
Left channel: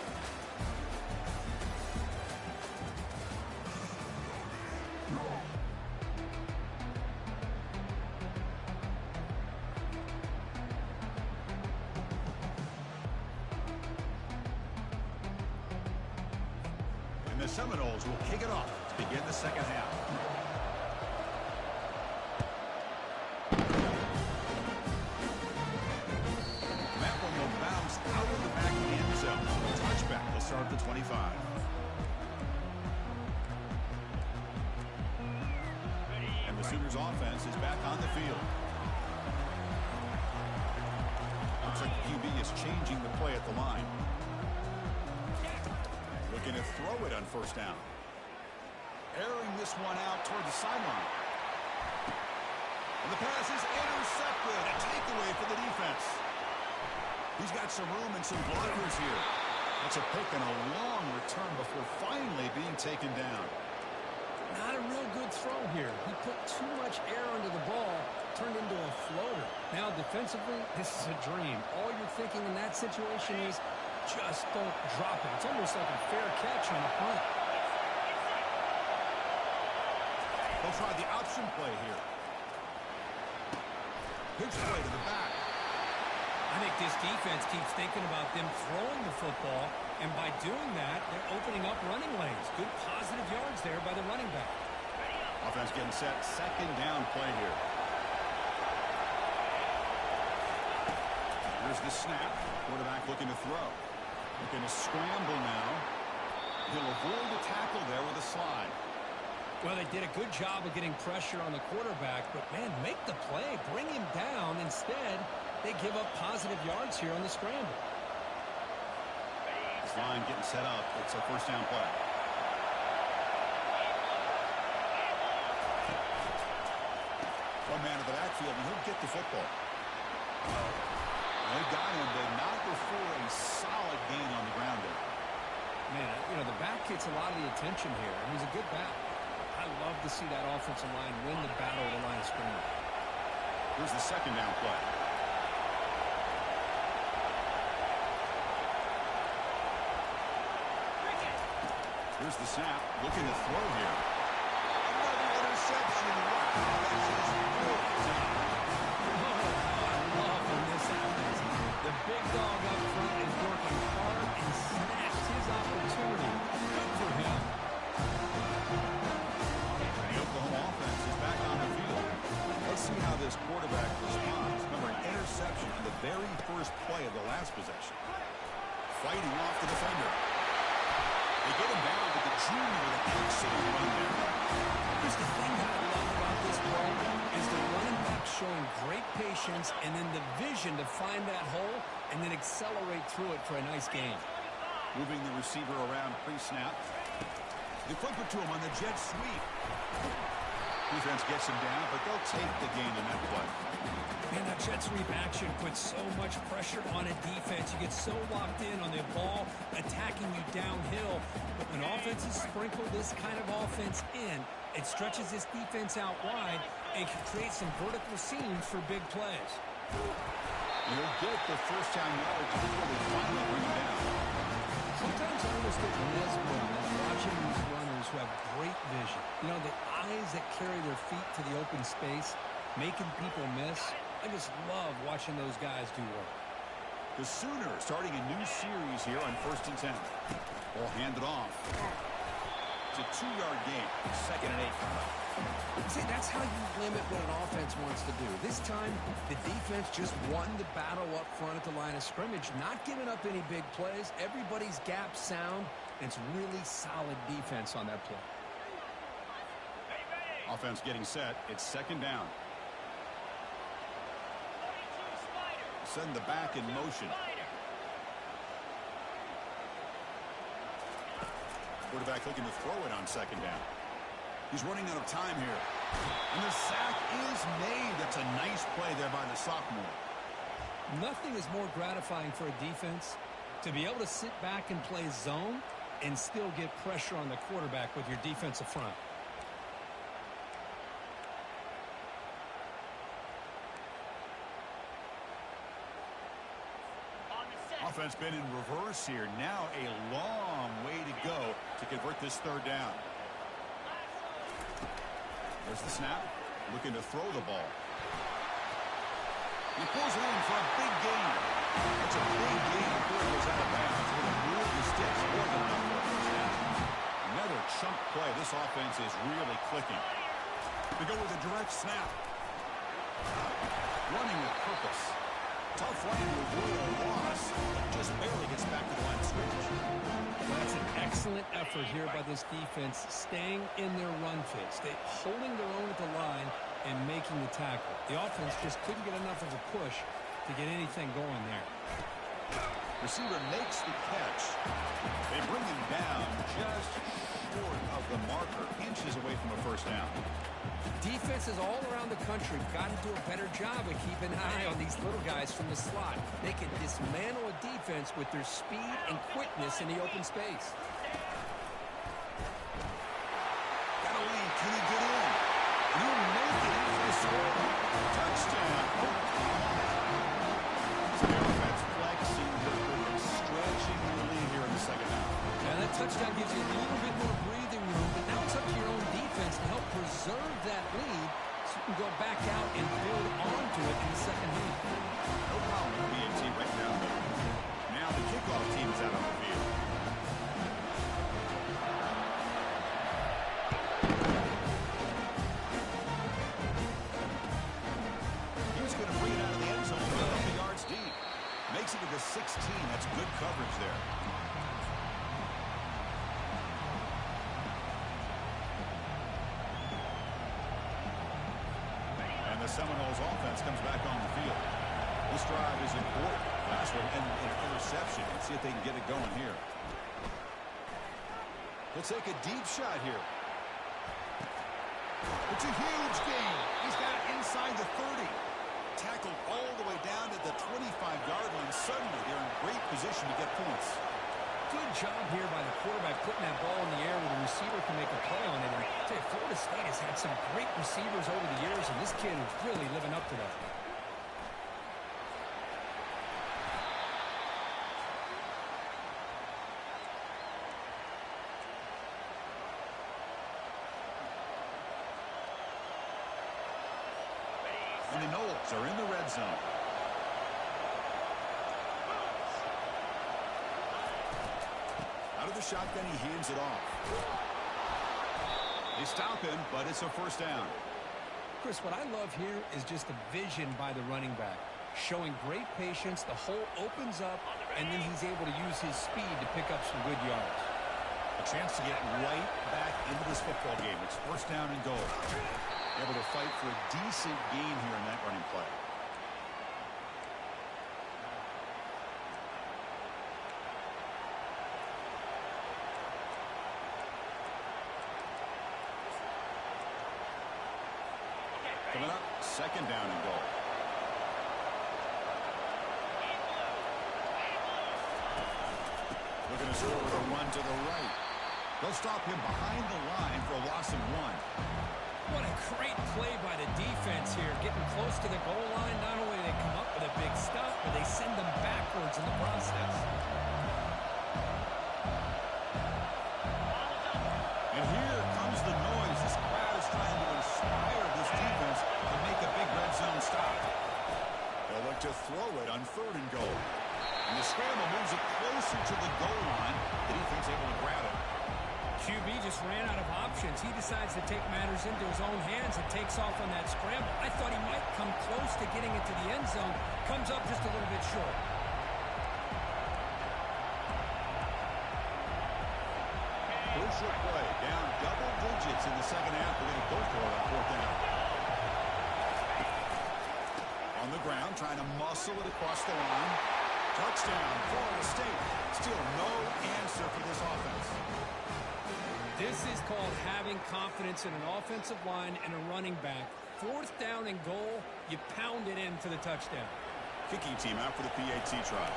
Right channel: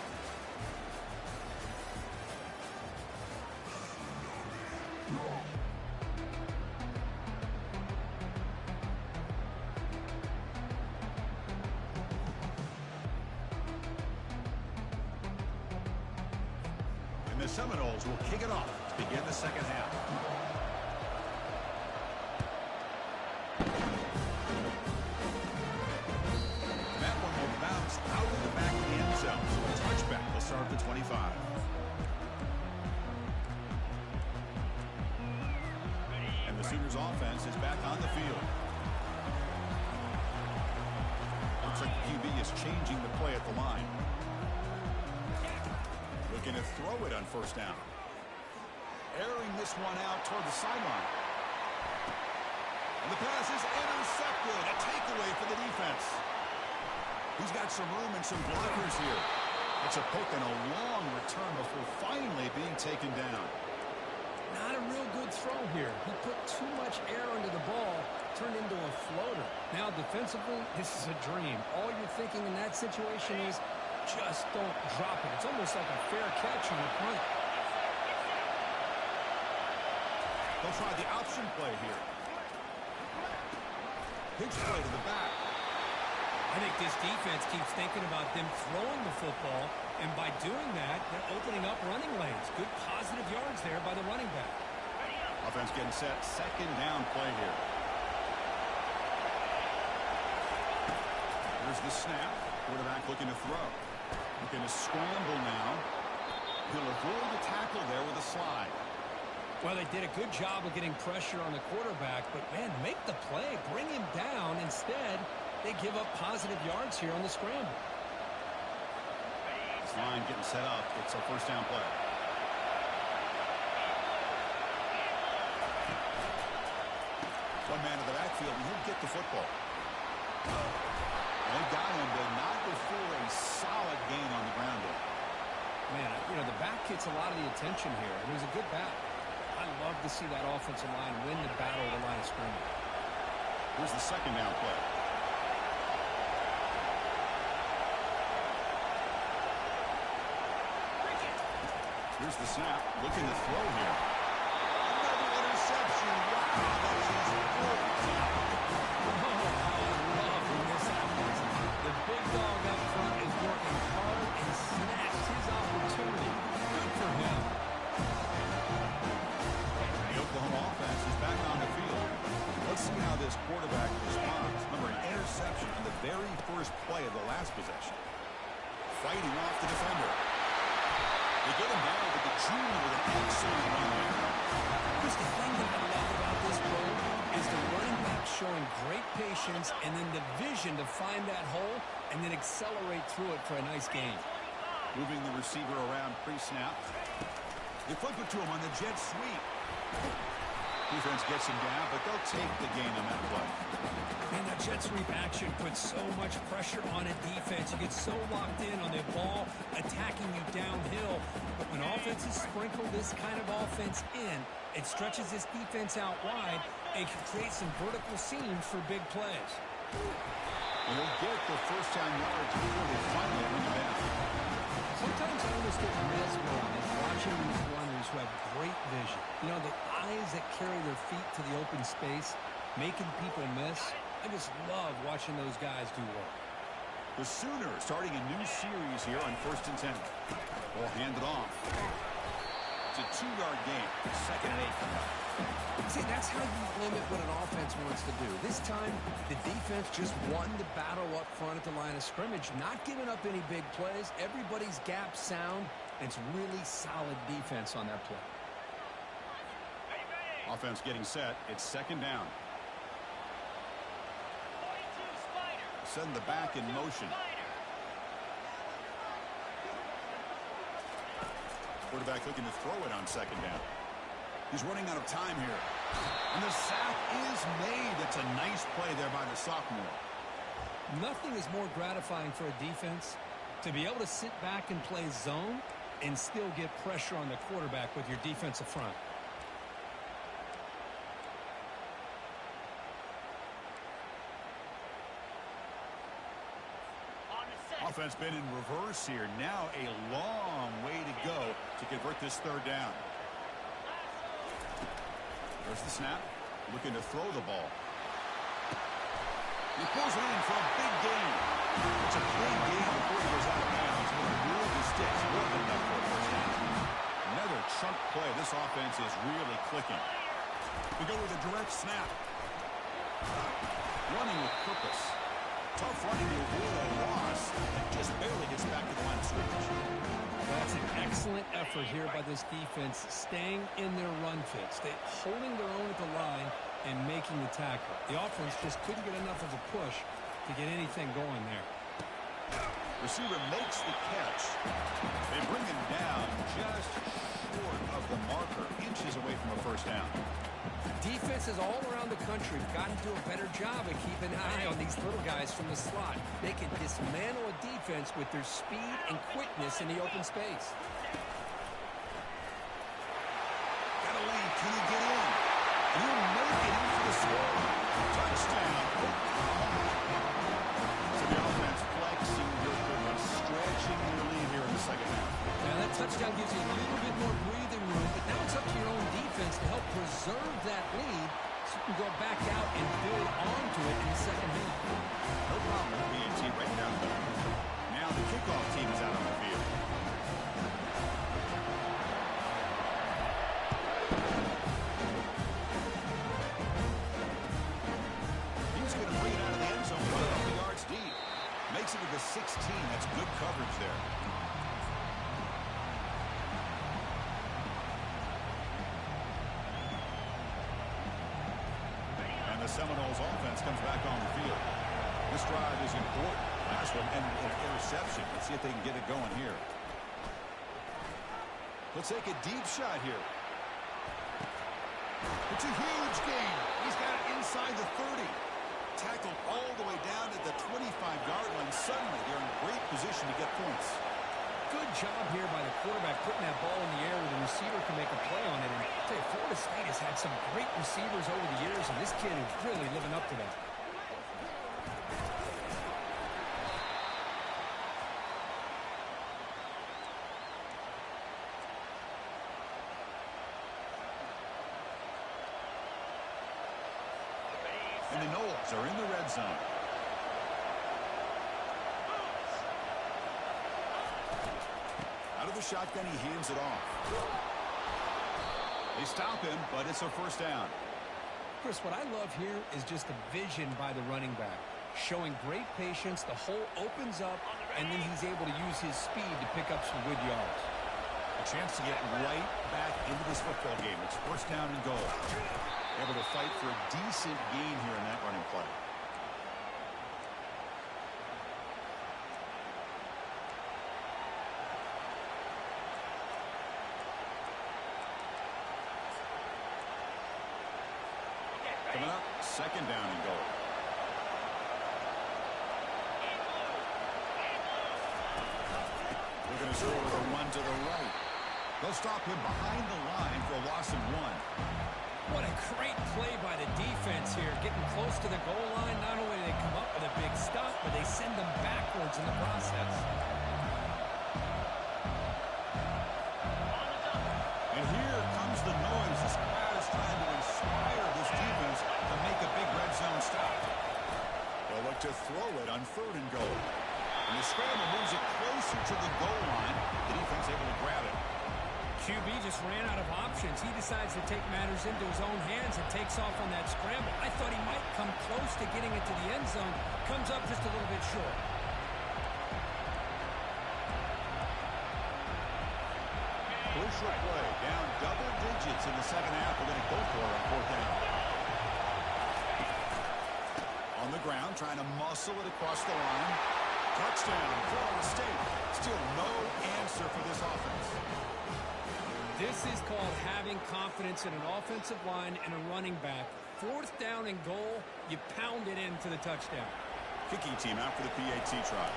And the Seminoles will kick it off to begin the second half. That one will bounce out of the back of the end zone. So a touchback will start at the 25. And the Sooners offense is back on the field. Looks like the QB is changing the play at the line. Looking to throw it on first down. Airing this one out toward the sideline. And the pass is intercepted. A takeaway for the defense. He's got some room and some blockers here. That's a pick and a long return before finally being taken down. Not a real good throw here. He put too much air under the ball, turned into a floater. Now defensively, this is a dream. All you're thinking in that situation is just don't drop it. It's almost like a fair catch on a punt. They'll try the option play here. Pitch play to the back. I think this defense keeps thinking about them throwing the football, and by doing that, they're opening up running lanes. Good positive yards there by the running back. Offense getting set. Second down play here. Here's the snap. Quarterback looking to throw. Looking to scramble now. He'll avoid the tackle there with a slide. Well, they did a good job of getting pressure on the quarterback, but, man, make the play. Bring him down. Instead, they give up positive yards here on the scramble. This line getting set up. It's a first down play. One man to the backfield, and he'll get the football. They've got him, but not before a solid gain on the ground there. Man, the back gets a lot of the attention here, and he's a good back. I love to see that offensive line win the battle at the line of scrimmage. Here's the second down play. Here's the snap. Looking to throw here. Another interception. Wow, that's his fourth tonight. Oh, how I love when this happens. The big dog up front is working hard and snatched his opportunity. Good for him. The Oklahoma offense is back on the field. Let's see how this quarterback responds. Remember, an interception on the very first play of the last possession. Fighting off the defender. They get him down, but the junior with an excellent run there. Just the thing that I love about this play is the running back showing great patience and then the vision to find that hole and then accelerate through it for a nice gain. Moving the receiver around pre-snap. They flip it to him on the jet sweep. Defense gets him down, but they'll take the gain on that play. Man, that jet sweep action puts so much pressure on a defense. You get so locked in on the ball attacking you downhill. But when offenses sprinkle this kind of offense in, it stretches this defense out wide and can create some vertical seams for big plays. He'll get the first down yards before they finally bring him down. Sometimes I almost get mesmerized watching these runners who have great vision. You know, the eyes that carry their feet to the open space, making people miss. I just love watching those guys do work. The Sooners starting a new series here on 1st and 10. Ball handed off. It's a 2-yard gain. 2nd and 8 coming up. See, that's how you limit what an offense wants to do. This time, the defense just won the battle up front at the line of scrimmage, not giving up any big plays. Everybody's gap sound, and it's really solid defense on that play. Offense getting set. It's 2nd down. Send the back in motion. Quarterback looking to throw it on 2nd down. He's running out of time here. And the sack is made. That's a nice play there by the sophomore. Nothing is more gratifying for a defense to be able to sit back and play zone and still get pressure on the quarterback with your defensive front. Offense been in reverse here. Now a long way to go to convert this 3rd down. There's the snap. Looking to throw the ball. He pulls it in for a big gain. It's a big gain before he goes out of bounds. With a move the sticks. More than enough for a first down. Another chunk play. This offense is really clicking. We go with a direct snap. Running with purpose. Tough running to avoid a loss that just barely gets back to the line of scrimmage. That's an excellent effort here by this defense, staying in their run fits. They holding their own at the line and making the tackle. The offense just couldn't get enough of a push to get anything going there. Receiver makes the catch. They bring him down just short of the marker, inches away from a first down. Defenses all around the country have got to do a better job of keeping an eye on these little guys from the slot. They can dismantle a defense with their speed and quickness in the open space. Got a lane. Can he get in? He'll make it in for the score. Touchdown, Oklahoma. So the offense flexing your quickness, stretching your lead here in the 2nd half. Now that touchdown gives you a little bit more breathing room, but now it's up to your own defense to help preserve that lead so you can go back out and build onto it in the 2nd half. No problem with BAT right down the middle. Now the kickoff team is out on the field. He's going to bring it out of the end zone, a couple yards deep. Makes it to the 16. That's good coverage there. And the Seminoles offense comes back on the field. This drive is important. Last one, and an interception. Let's see if they can get it going here. He'll take a deep shot here. It's a huge gain. He's got it inside the 30. Tackled all the way down to the 25-yard line. Suddenly, they're in great position to get points. Good job here by the quarterback putting that ball in the air where the receiver can make a play on it. And I tell you, Florida State has had some great receivers over the years, and this kid is really living up to that. And the Noles are in the red zone. Out of the shotgun, he hands it off. They stop him, but it's a first down. Chris, what I love here is just the vision by the running back. Showing great patience, the hole opens up, and then he's able to use his speed to pick up some good yards. A chance to get right back into this football game. It's first down and goal. Able to fight for a decent gain here in that running play. Coming up, second down and goal. Looking to score with a run to the right. They'll stop him behind the line for a loss of 1. What a great play by the defense here. Getting close to the goal line, not only do they come up with a big stop, but they send them backwards in the process. And here comes the noise. This crowd is trying to inspire this defense to make a big red zone stop. They'll look to throw it on third and goal. And the scramble moves it closer to the goal line. The defense able to grab it. QB just ran out of options. He decides to take matters into his own hands and takes off on that scramble. I thought he might come close to getting it to the end zone. Comes up just a little bit short. Crucial play. Down double digits in the second half. We're going to go for it on fourth down. On the ground, trying to muscle it across the line. Touchdown, Florida State. Still no answer for this offense. This is called having confidence in an offensive line and a running back. Fourth down and goal, you pound it in for the touchdown. Kicking team out for the PAT try.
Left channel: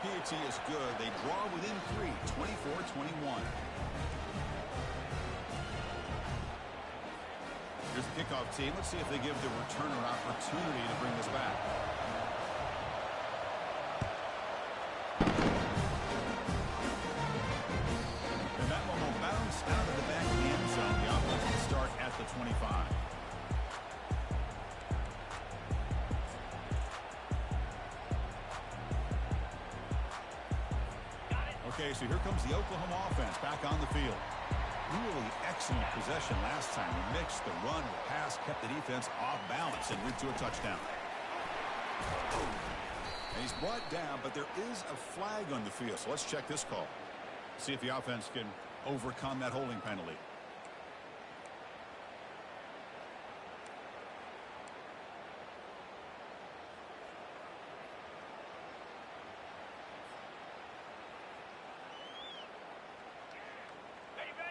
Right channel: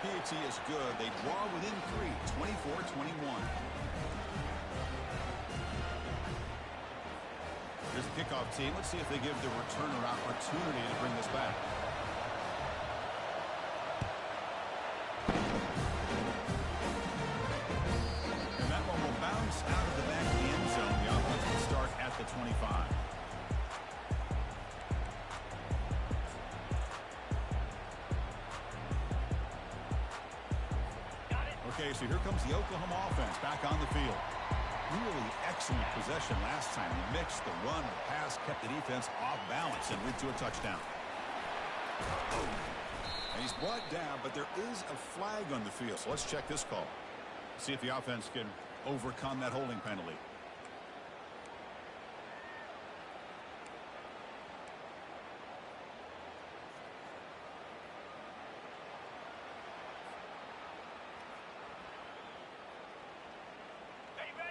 PAT is good. They draw within 3, 24-21. Here's the kickoff team. Let's see if they give the returner opportunity to bring this back. Out of the back of the end zone. The offense will start at the 25. Okay, so here comes the Oklahoma offense back on the field. Really excellent possession last time. They mixed the run and the pass, kept the defense off balance and led to a touchdown. And he's brought down, but there is a flag on the field. So let's check this call. See if the offense can overcome that holding penalty.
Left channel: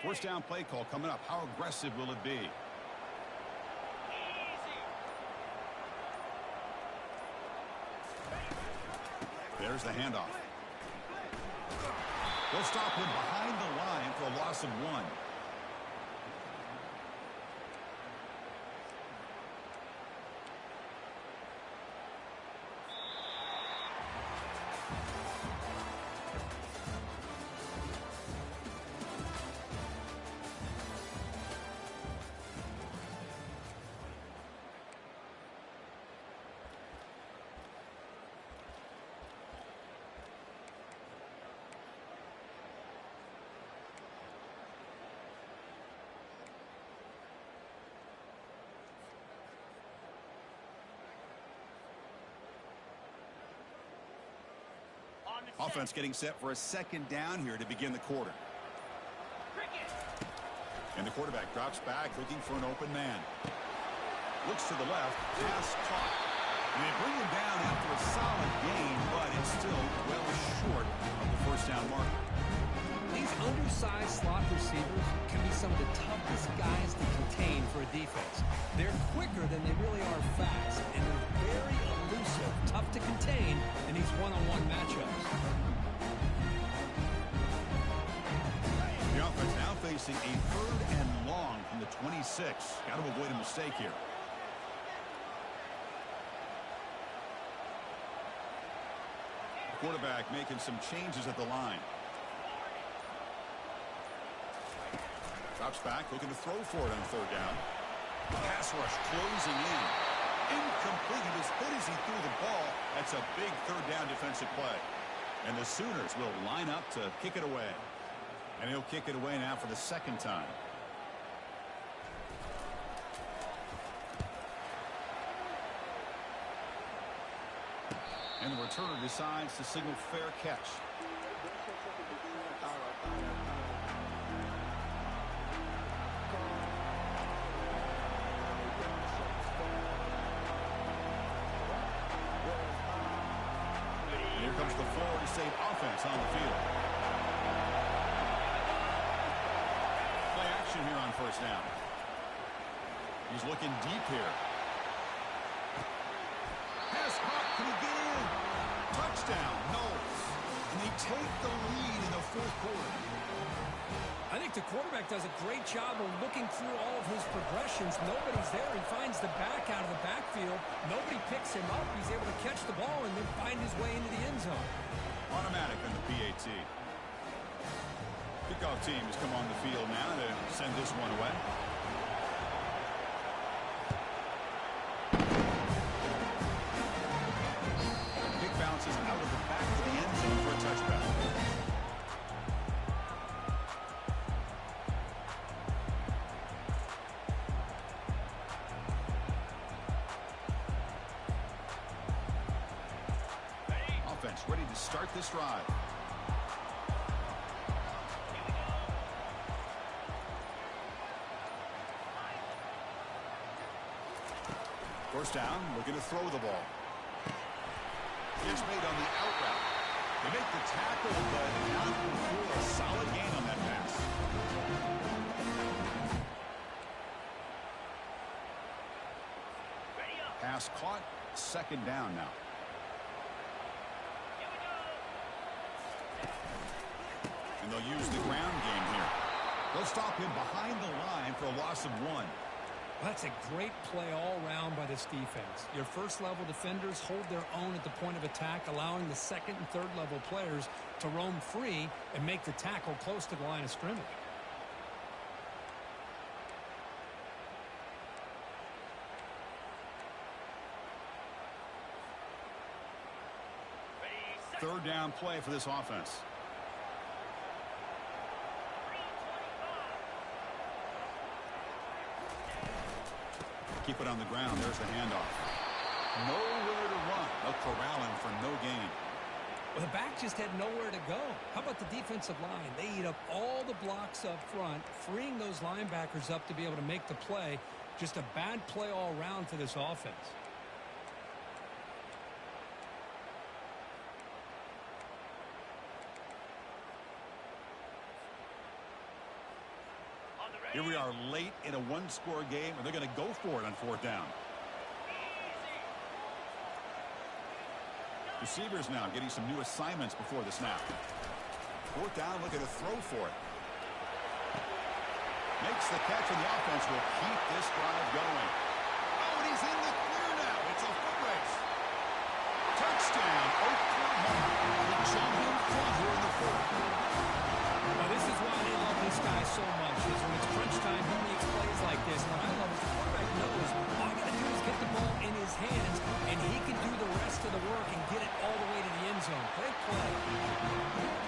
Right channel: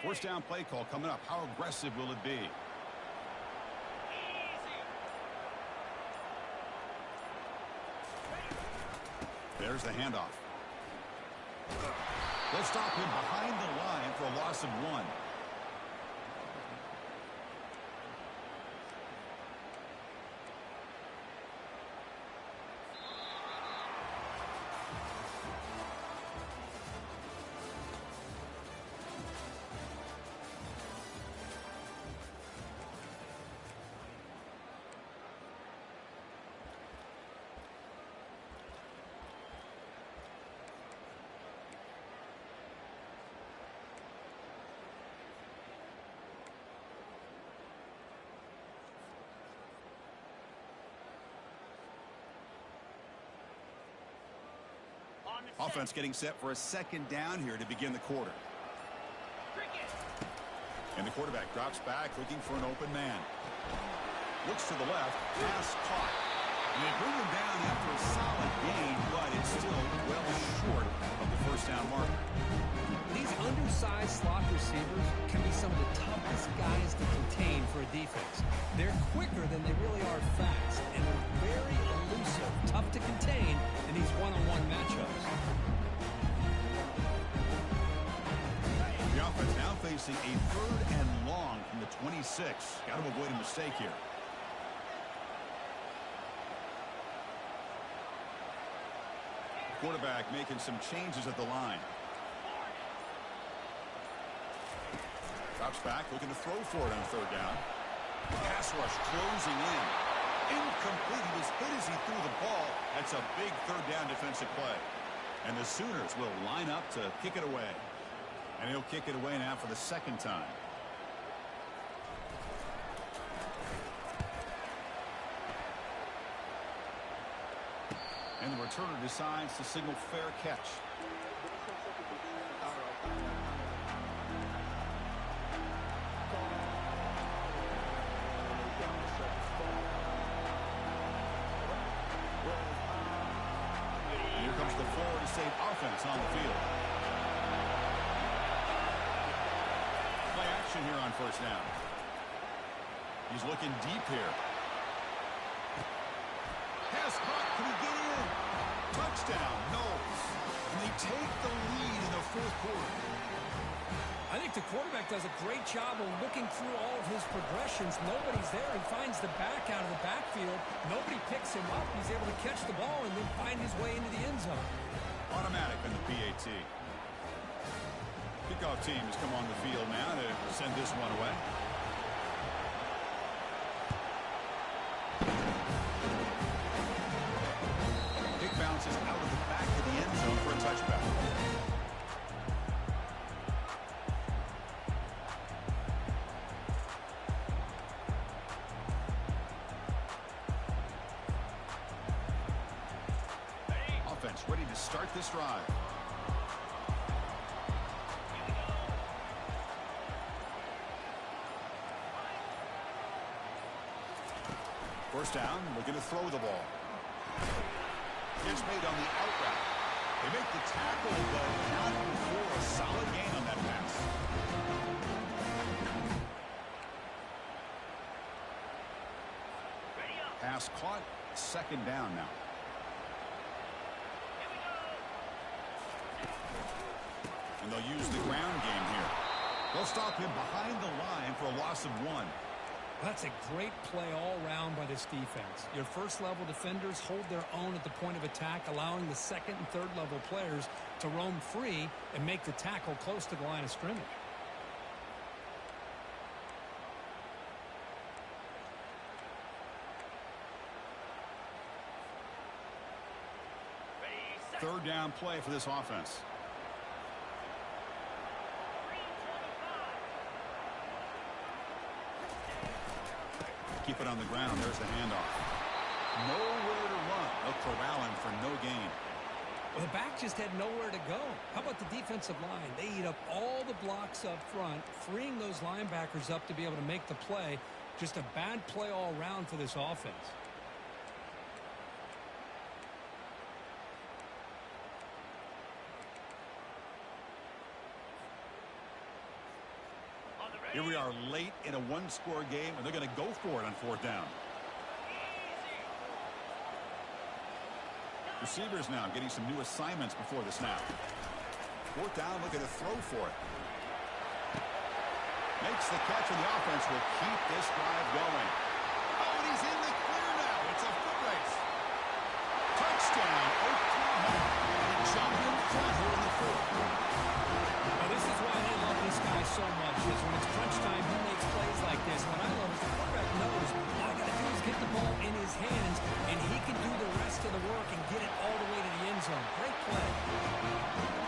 First down play call coming up. How aggressive will it be? There's the handoff. They'll stop him behind the line for a loss of 1. Offense getting set for a second down here to begin the quarter. And the quarterback drops back looking for an open man. Looks to the left, pass caught. And they bring him down after a solid gain, but it's still well short of the first down marker. These undersized slot receivers can be some of the toughest guys to contain for a defense. They're quicker than they really are fast, and they're very elusive, tough to contain in these one-on-one matchups. offense now facing a 3rd and long from the 26. Got to avoid a mistake here. Quarterback making some changes at the line. Drops back, looking to throw for it on 3rd down. Pass rush closing in. Incomplete. He was hit as he threw the ball. That's a big 3rd down defensive play. And the Sooners will line up to kick it away. And he'll kick it away now for the 2nd time. And the returner decides to signal fair catch. And here comes the Florida State offense on the field. Play action here on 1st down. He's looking deep here. Pass caught. Can he get in? Touchdown, Knowles. And they take the lead in the 4th quarter. I think the quarterback does a great job of looking through all of his progressions. Nobody's there. He finds the back out of the backfield. Nobody picks him up. He's able to catch the ball and then find his way into the end zone. Automatic on the PAT. Kickoff team has come on the field now to send this one away. Kick bounces out of the back of the end zone for a touchback. Offense ready to start this drive. First down, looking to throw the ball. It's made on the out route. They make the tackle, but not before a solid gain on that pass. Pass caught, 2nd down now. And they'll use the ground game here. They'll stop him behind the line for a loss of 1. Well, that's a great play all around by this defense. Your 1st-level defenders hold their own at the point of attack, allowing the 2nd and 3rd-level players to roam free and make the tackle close to the line of scrimmage. Third down play for this offense. Keep it on the ground. There's the handoff. Nowhere to run. They'll corral him for no gain. Well, the back just had nowhere to go. How about the defensive line? They eat up all the blocks up front, freeing those linebackers up to be able to make the play. Just a bad play all around for this offense. Here we are late in a 1-score game, and they're going to go for it on 4th down. Receivers now getting some new assignments before the snap. 4th down, looking to throw for it. Makes the catch, and the offense will keep this drive going. Oh, and he's in the clear now. It's a foot race. Touchdown, Oklahoma. They jump in front here in the 4th. Now, this is why they love this guy so much, is when it's crunch time, he makes plays like this. What I love is the quarterback knows all I got to do is get the ball in his hands, and he can do the rest of the work and get it all the way to the end zone. Great play.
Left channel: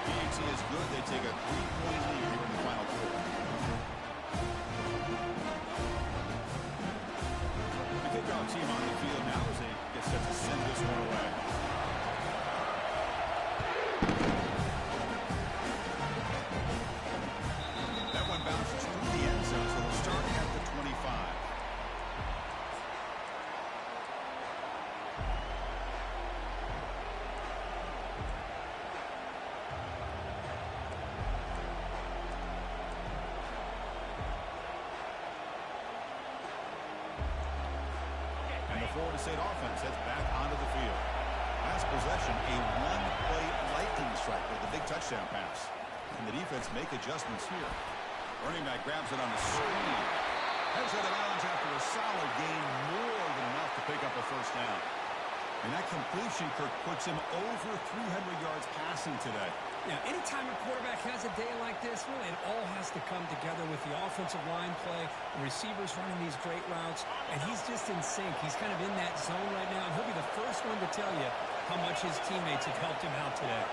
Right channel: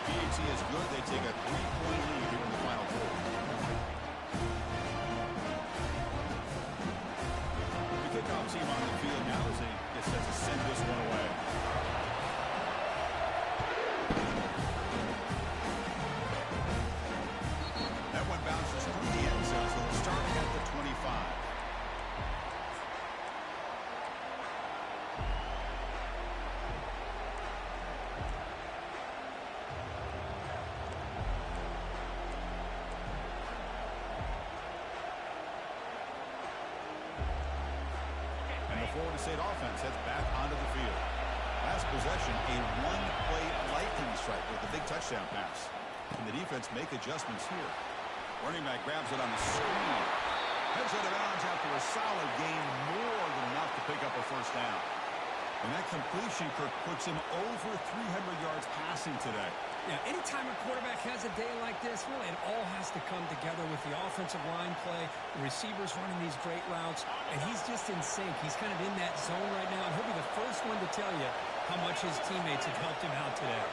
PAT is good. They take a 3-point lead here in the final quarter. The kickoff team on the field now as they get set to send this one away. Bounces through the end zone, so they'll start at the 25. And the Florida State offense heads back onto the field. Last possession, a 1-play lightning strike with a big touchdown pass. And the defense make adjustments here. Running back grabs it on the screen. Heads out of bounds after a solid gain, more than enough to pick up a first down. And that completion, Kirk, puts him over 300 yards passing today. Yeah, anytime a quarterback has a day like this, really it all has to come together with the offensive line play, the receivers running these great routes, and he's just in sync. He's kind of in that zone right now, and he'll be the first one to tell you how much his teammates have helped him out today.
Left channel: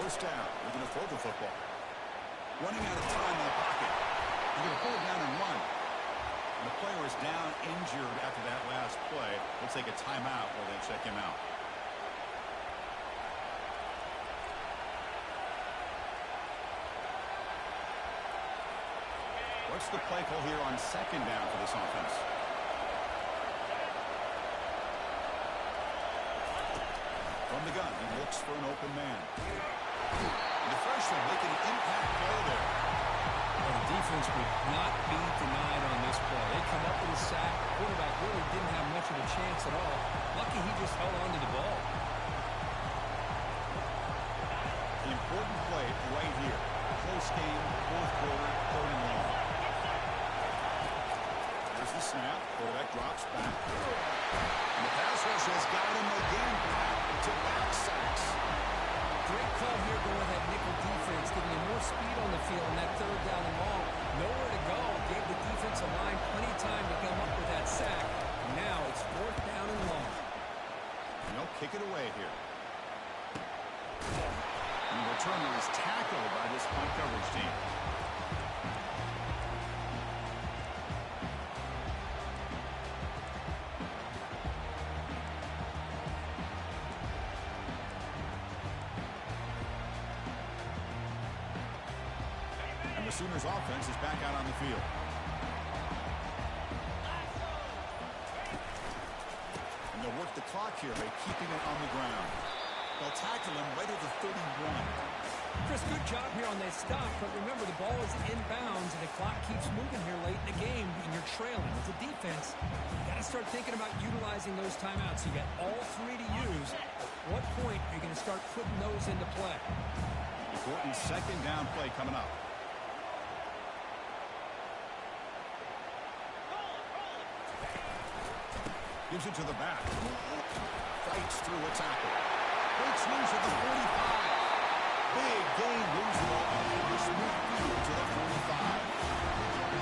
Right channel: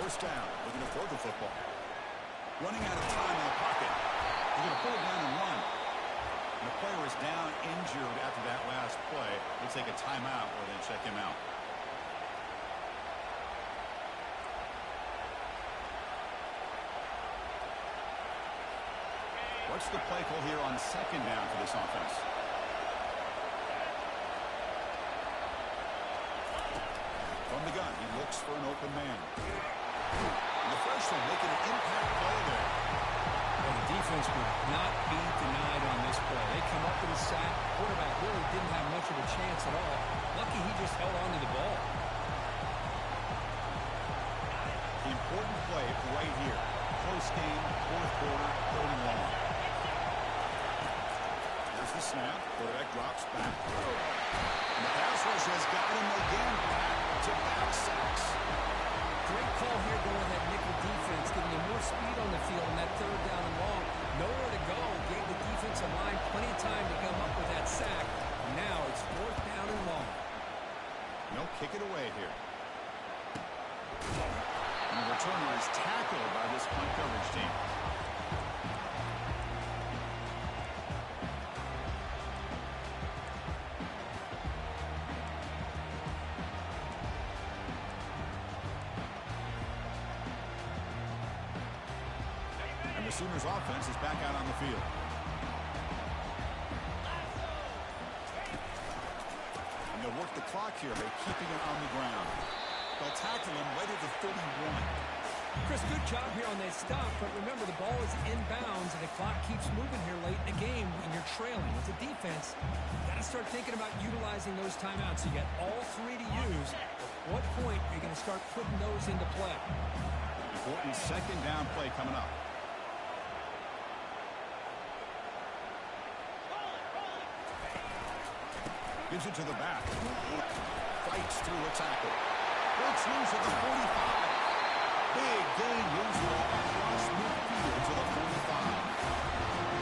First down, looking to throw the football. Running out of time in the pocket. He's going to pull it down and run. And the player is down injured after that last play. We'll take a timeout or then check him out. What's the play call here on second down for this offense? From the gun, he looks for an open man. And the freshman making an impact play there. Well, the defense would not be denied on this play. They come up with a sack. The quarterback really didn't have much of a chance at all. Lucky he just held on to the ball. The important play right here. Close game, fourth quarter, third and long. Here's the snap. Quarterback drops back. And the pass rush has got him again. Back-to-back sacks. Great call here going with that nickel defense, giving him more speed on the field on that third down and long. Nowhere to go. Gave the defensive line plenty of time to come up with that sack. Now it's fourth down and long. No, kick it away here. And the returner is tackled by this punt coverage team. The Sooners offense is back out on the field. And they'll work the clock here by keeping it on the ground. They'll tackle him right at the 31. Chris, good job here on that stop, but remember the ball is inbounds and the clock keeps moving here late in the game and you're trailing. As a defense, you got to start thinking about utilizing those timeouts. You got all three to use. At what point are you going to start putting those into play? Important second down play coming up. Gives it to the back. Fights through a tackle. Breaks loose at the 45. Big gain, moves the ball across midfield to the 45.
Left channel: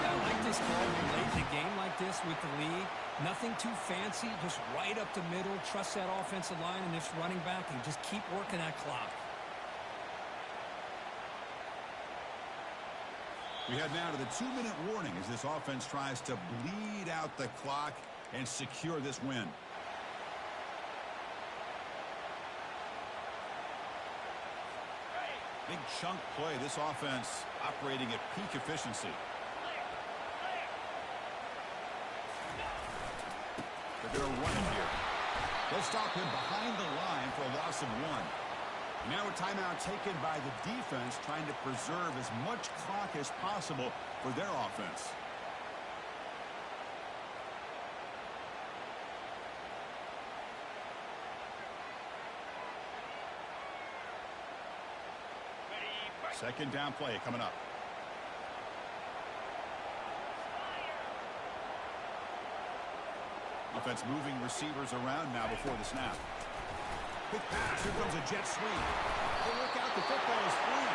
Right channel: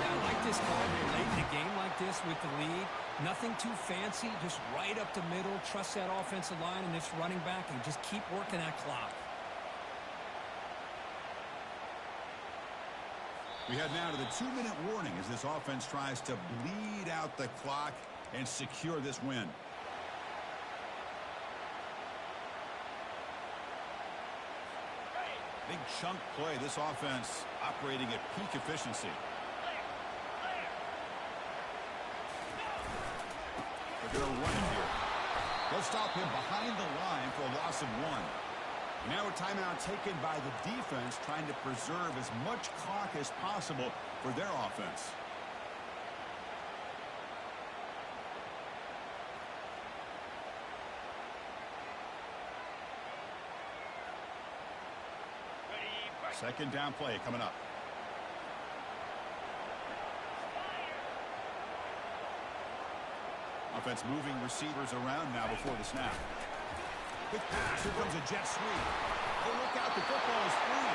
Yeah, I like this call here late in a game like this with the lead. Nothing too fancy, just right up the middle. Trust that offensive line and this running back and just keep working that clock. We head now to the 2-minute warning as this offense tries to bleed out the clock and secure this win. Big chunk play. This offense operating at peak efficiency. They're going to run it here. They'll stop him behind the line for a loss of 1. Now a timeout taken by the defense, trying to preserve as much clock as possible for their offense. Second down play coming up. Offense moving receivers around now before the snap. Quick pass. Here comes a jet sweep. Oh, look out. The football is free.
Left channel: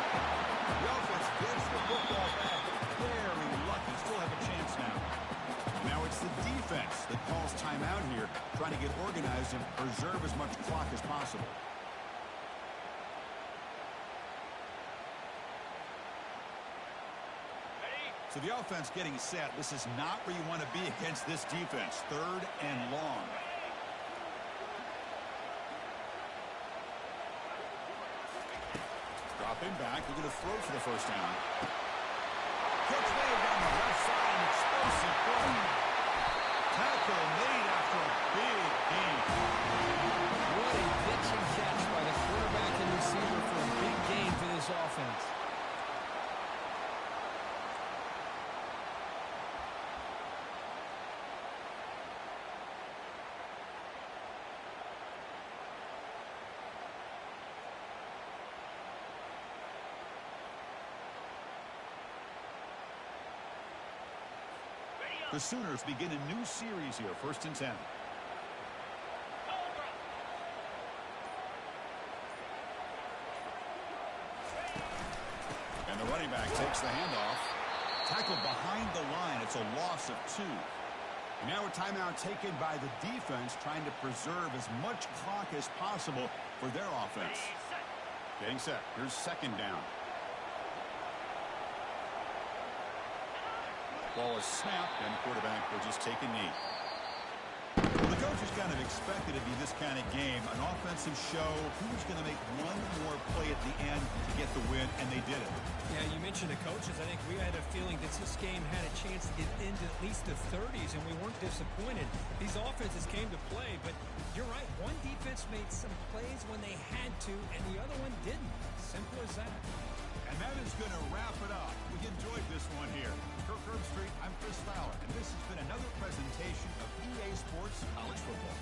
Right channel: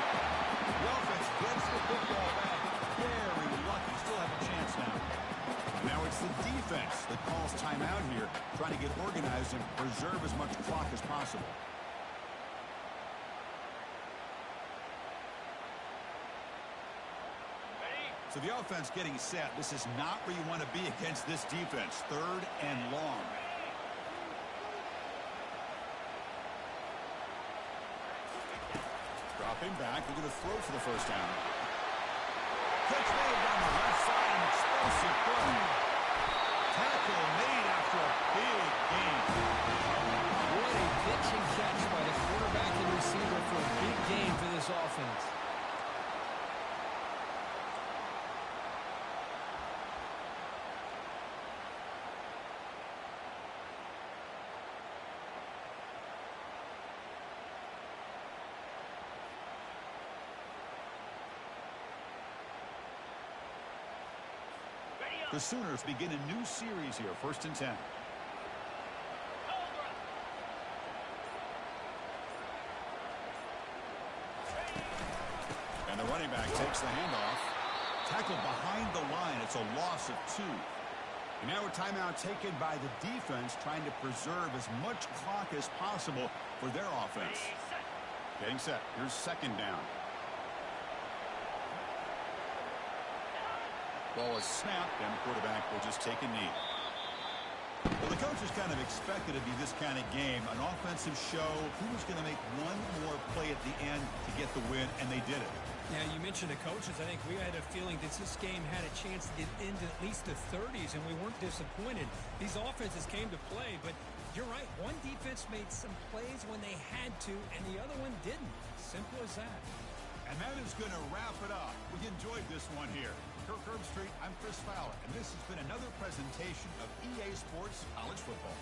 The offense gets the football back. Very lucky. Still have a chance now. And now it's the defense that calls timeout here, trying to get organized and preserve as much clock as possible. So the offense getting set. This is not where you want to be against this defense. Third and long. Dropping back. They're going to throw for the first down. Catch made down the left side. An explosive play. Tackle made after a big gain. What a pitch and catch by the quarterback and receiver for a big gain for this offense. The Sooners begin a new series here, 1st and 10. And the running back takes the handoff. Tackled behind the line. It's a loss of 2. And now a timeout taken by the defense, trying to preserve as much clock as possible for their offense. Getting set. Here's 2nd down. Ball is snapped, and the quarterback will just take a knee. Well, the coaches kind of expected it to be this kind of game, an offensive show. Who was going to make one more play at the end to get the win, and they did it. Yeah, you mentioned the coaches. I think we had a feeling that this game had a chance to get into at least the 30s, and we weren't disappointed. These offenses came to play, but you're right. One defense made some plays when they had to, and the other one didn't. Simple as that. And that is going to wrap it up. We enjoyed this one here. Kirk Herbstreit, I'm Chris Fowler, and this has been another presentation of EA Sports College Football.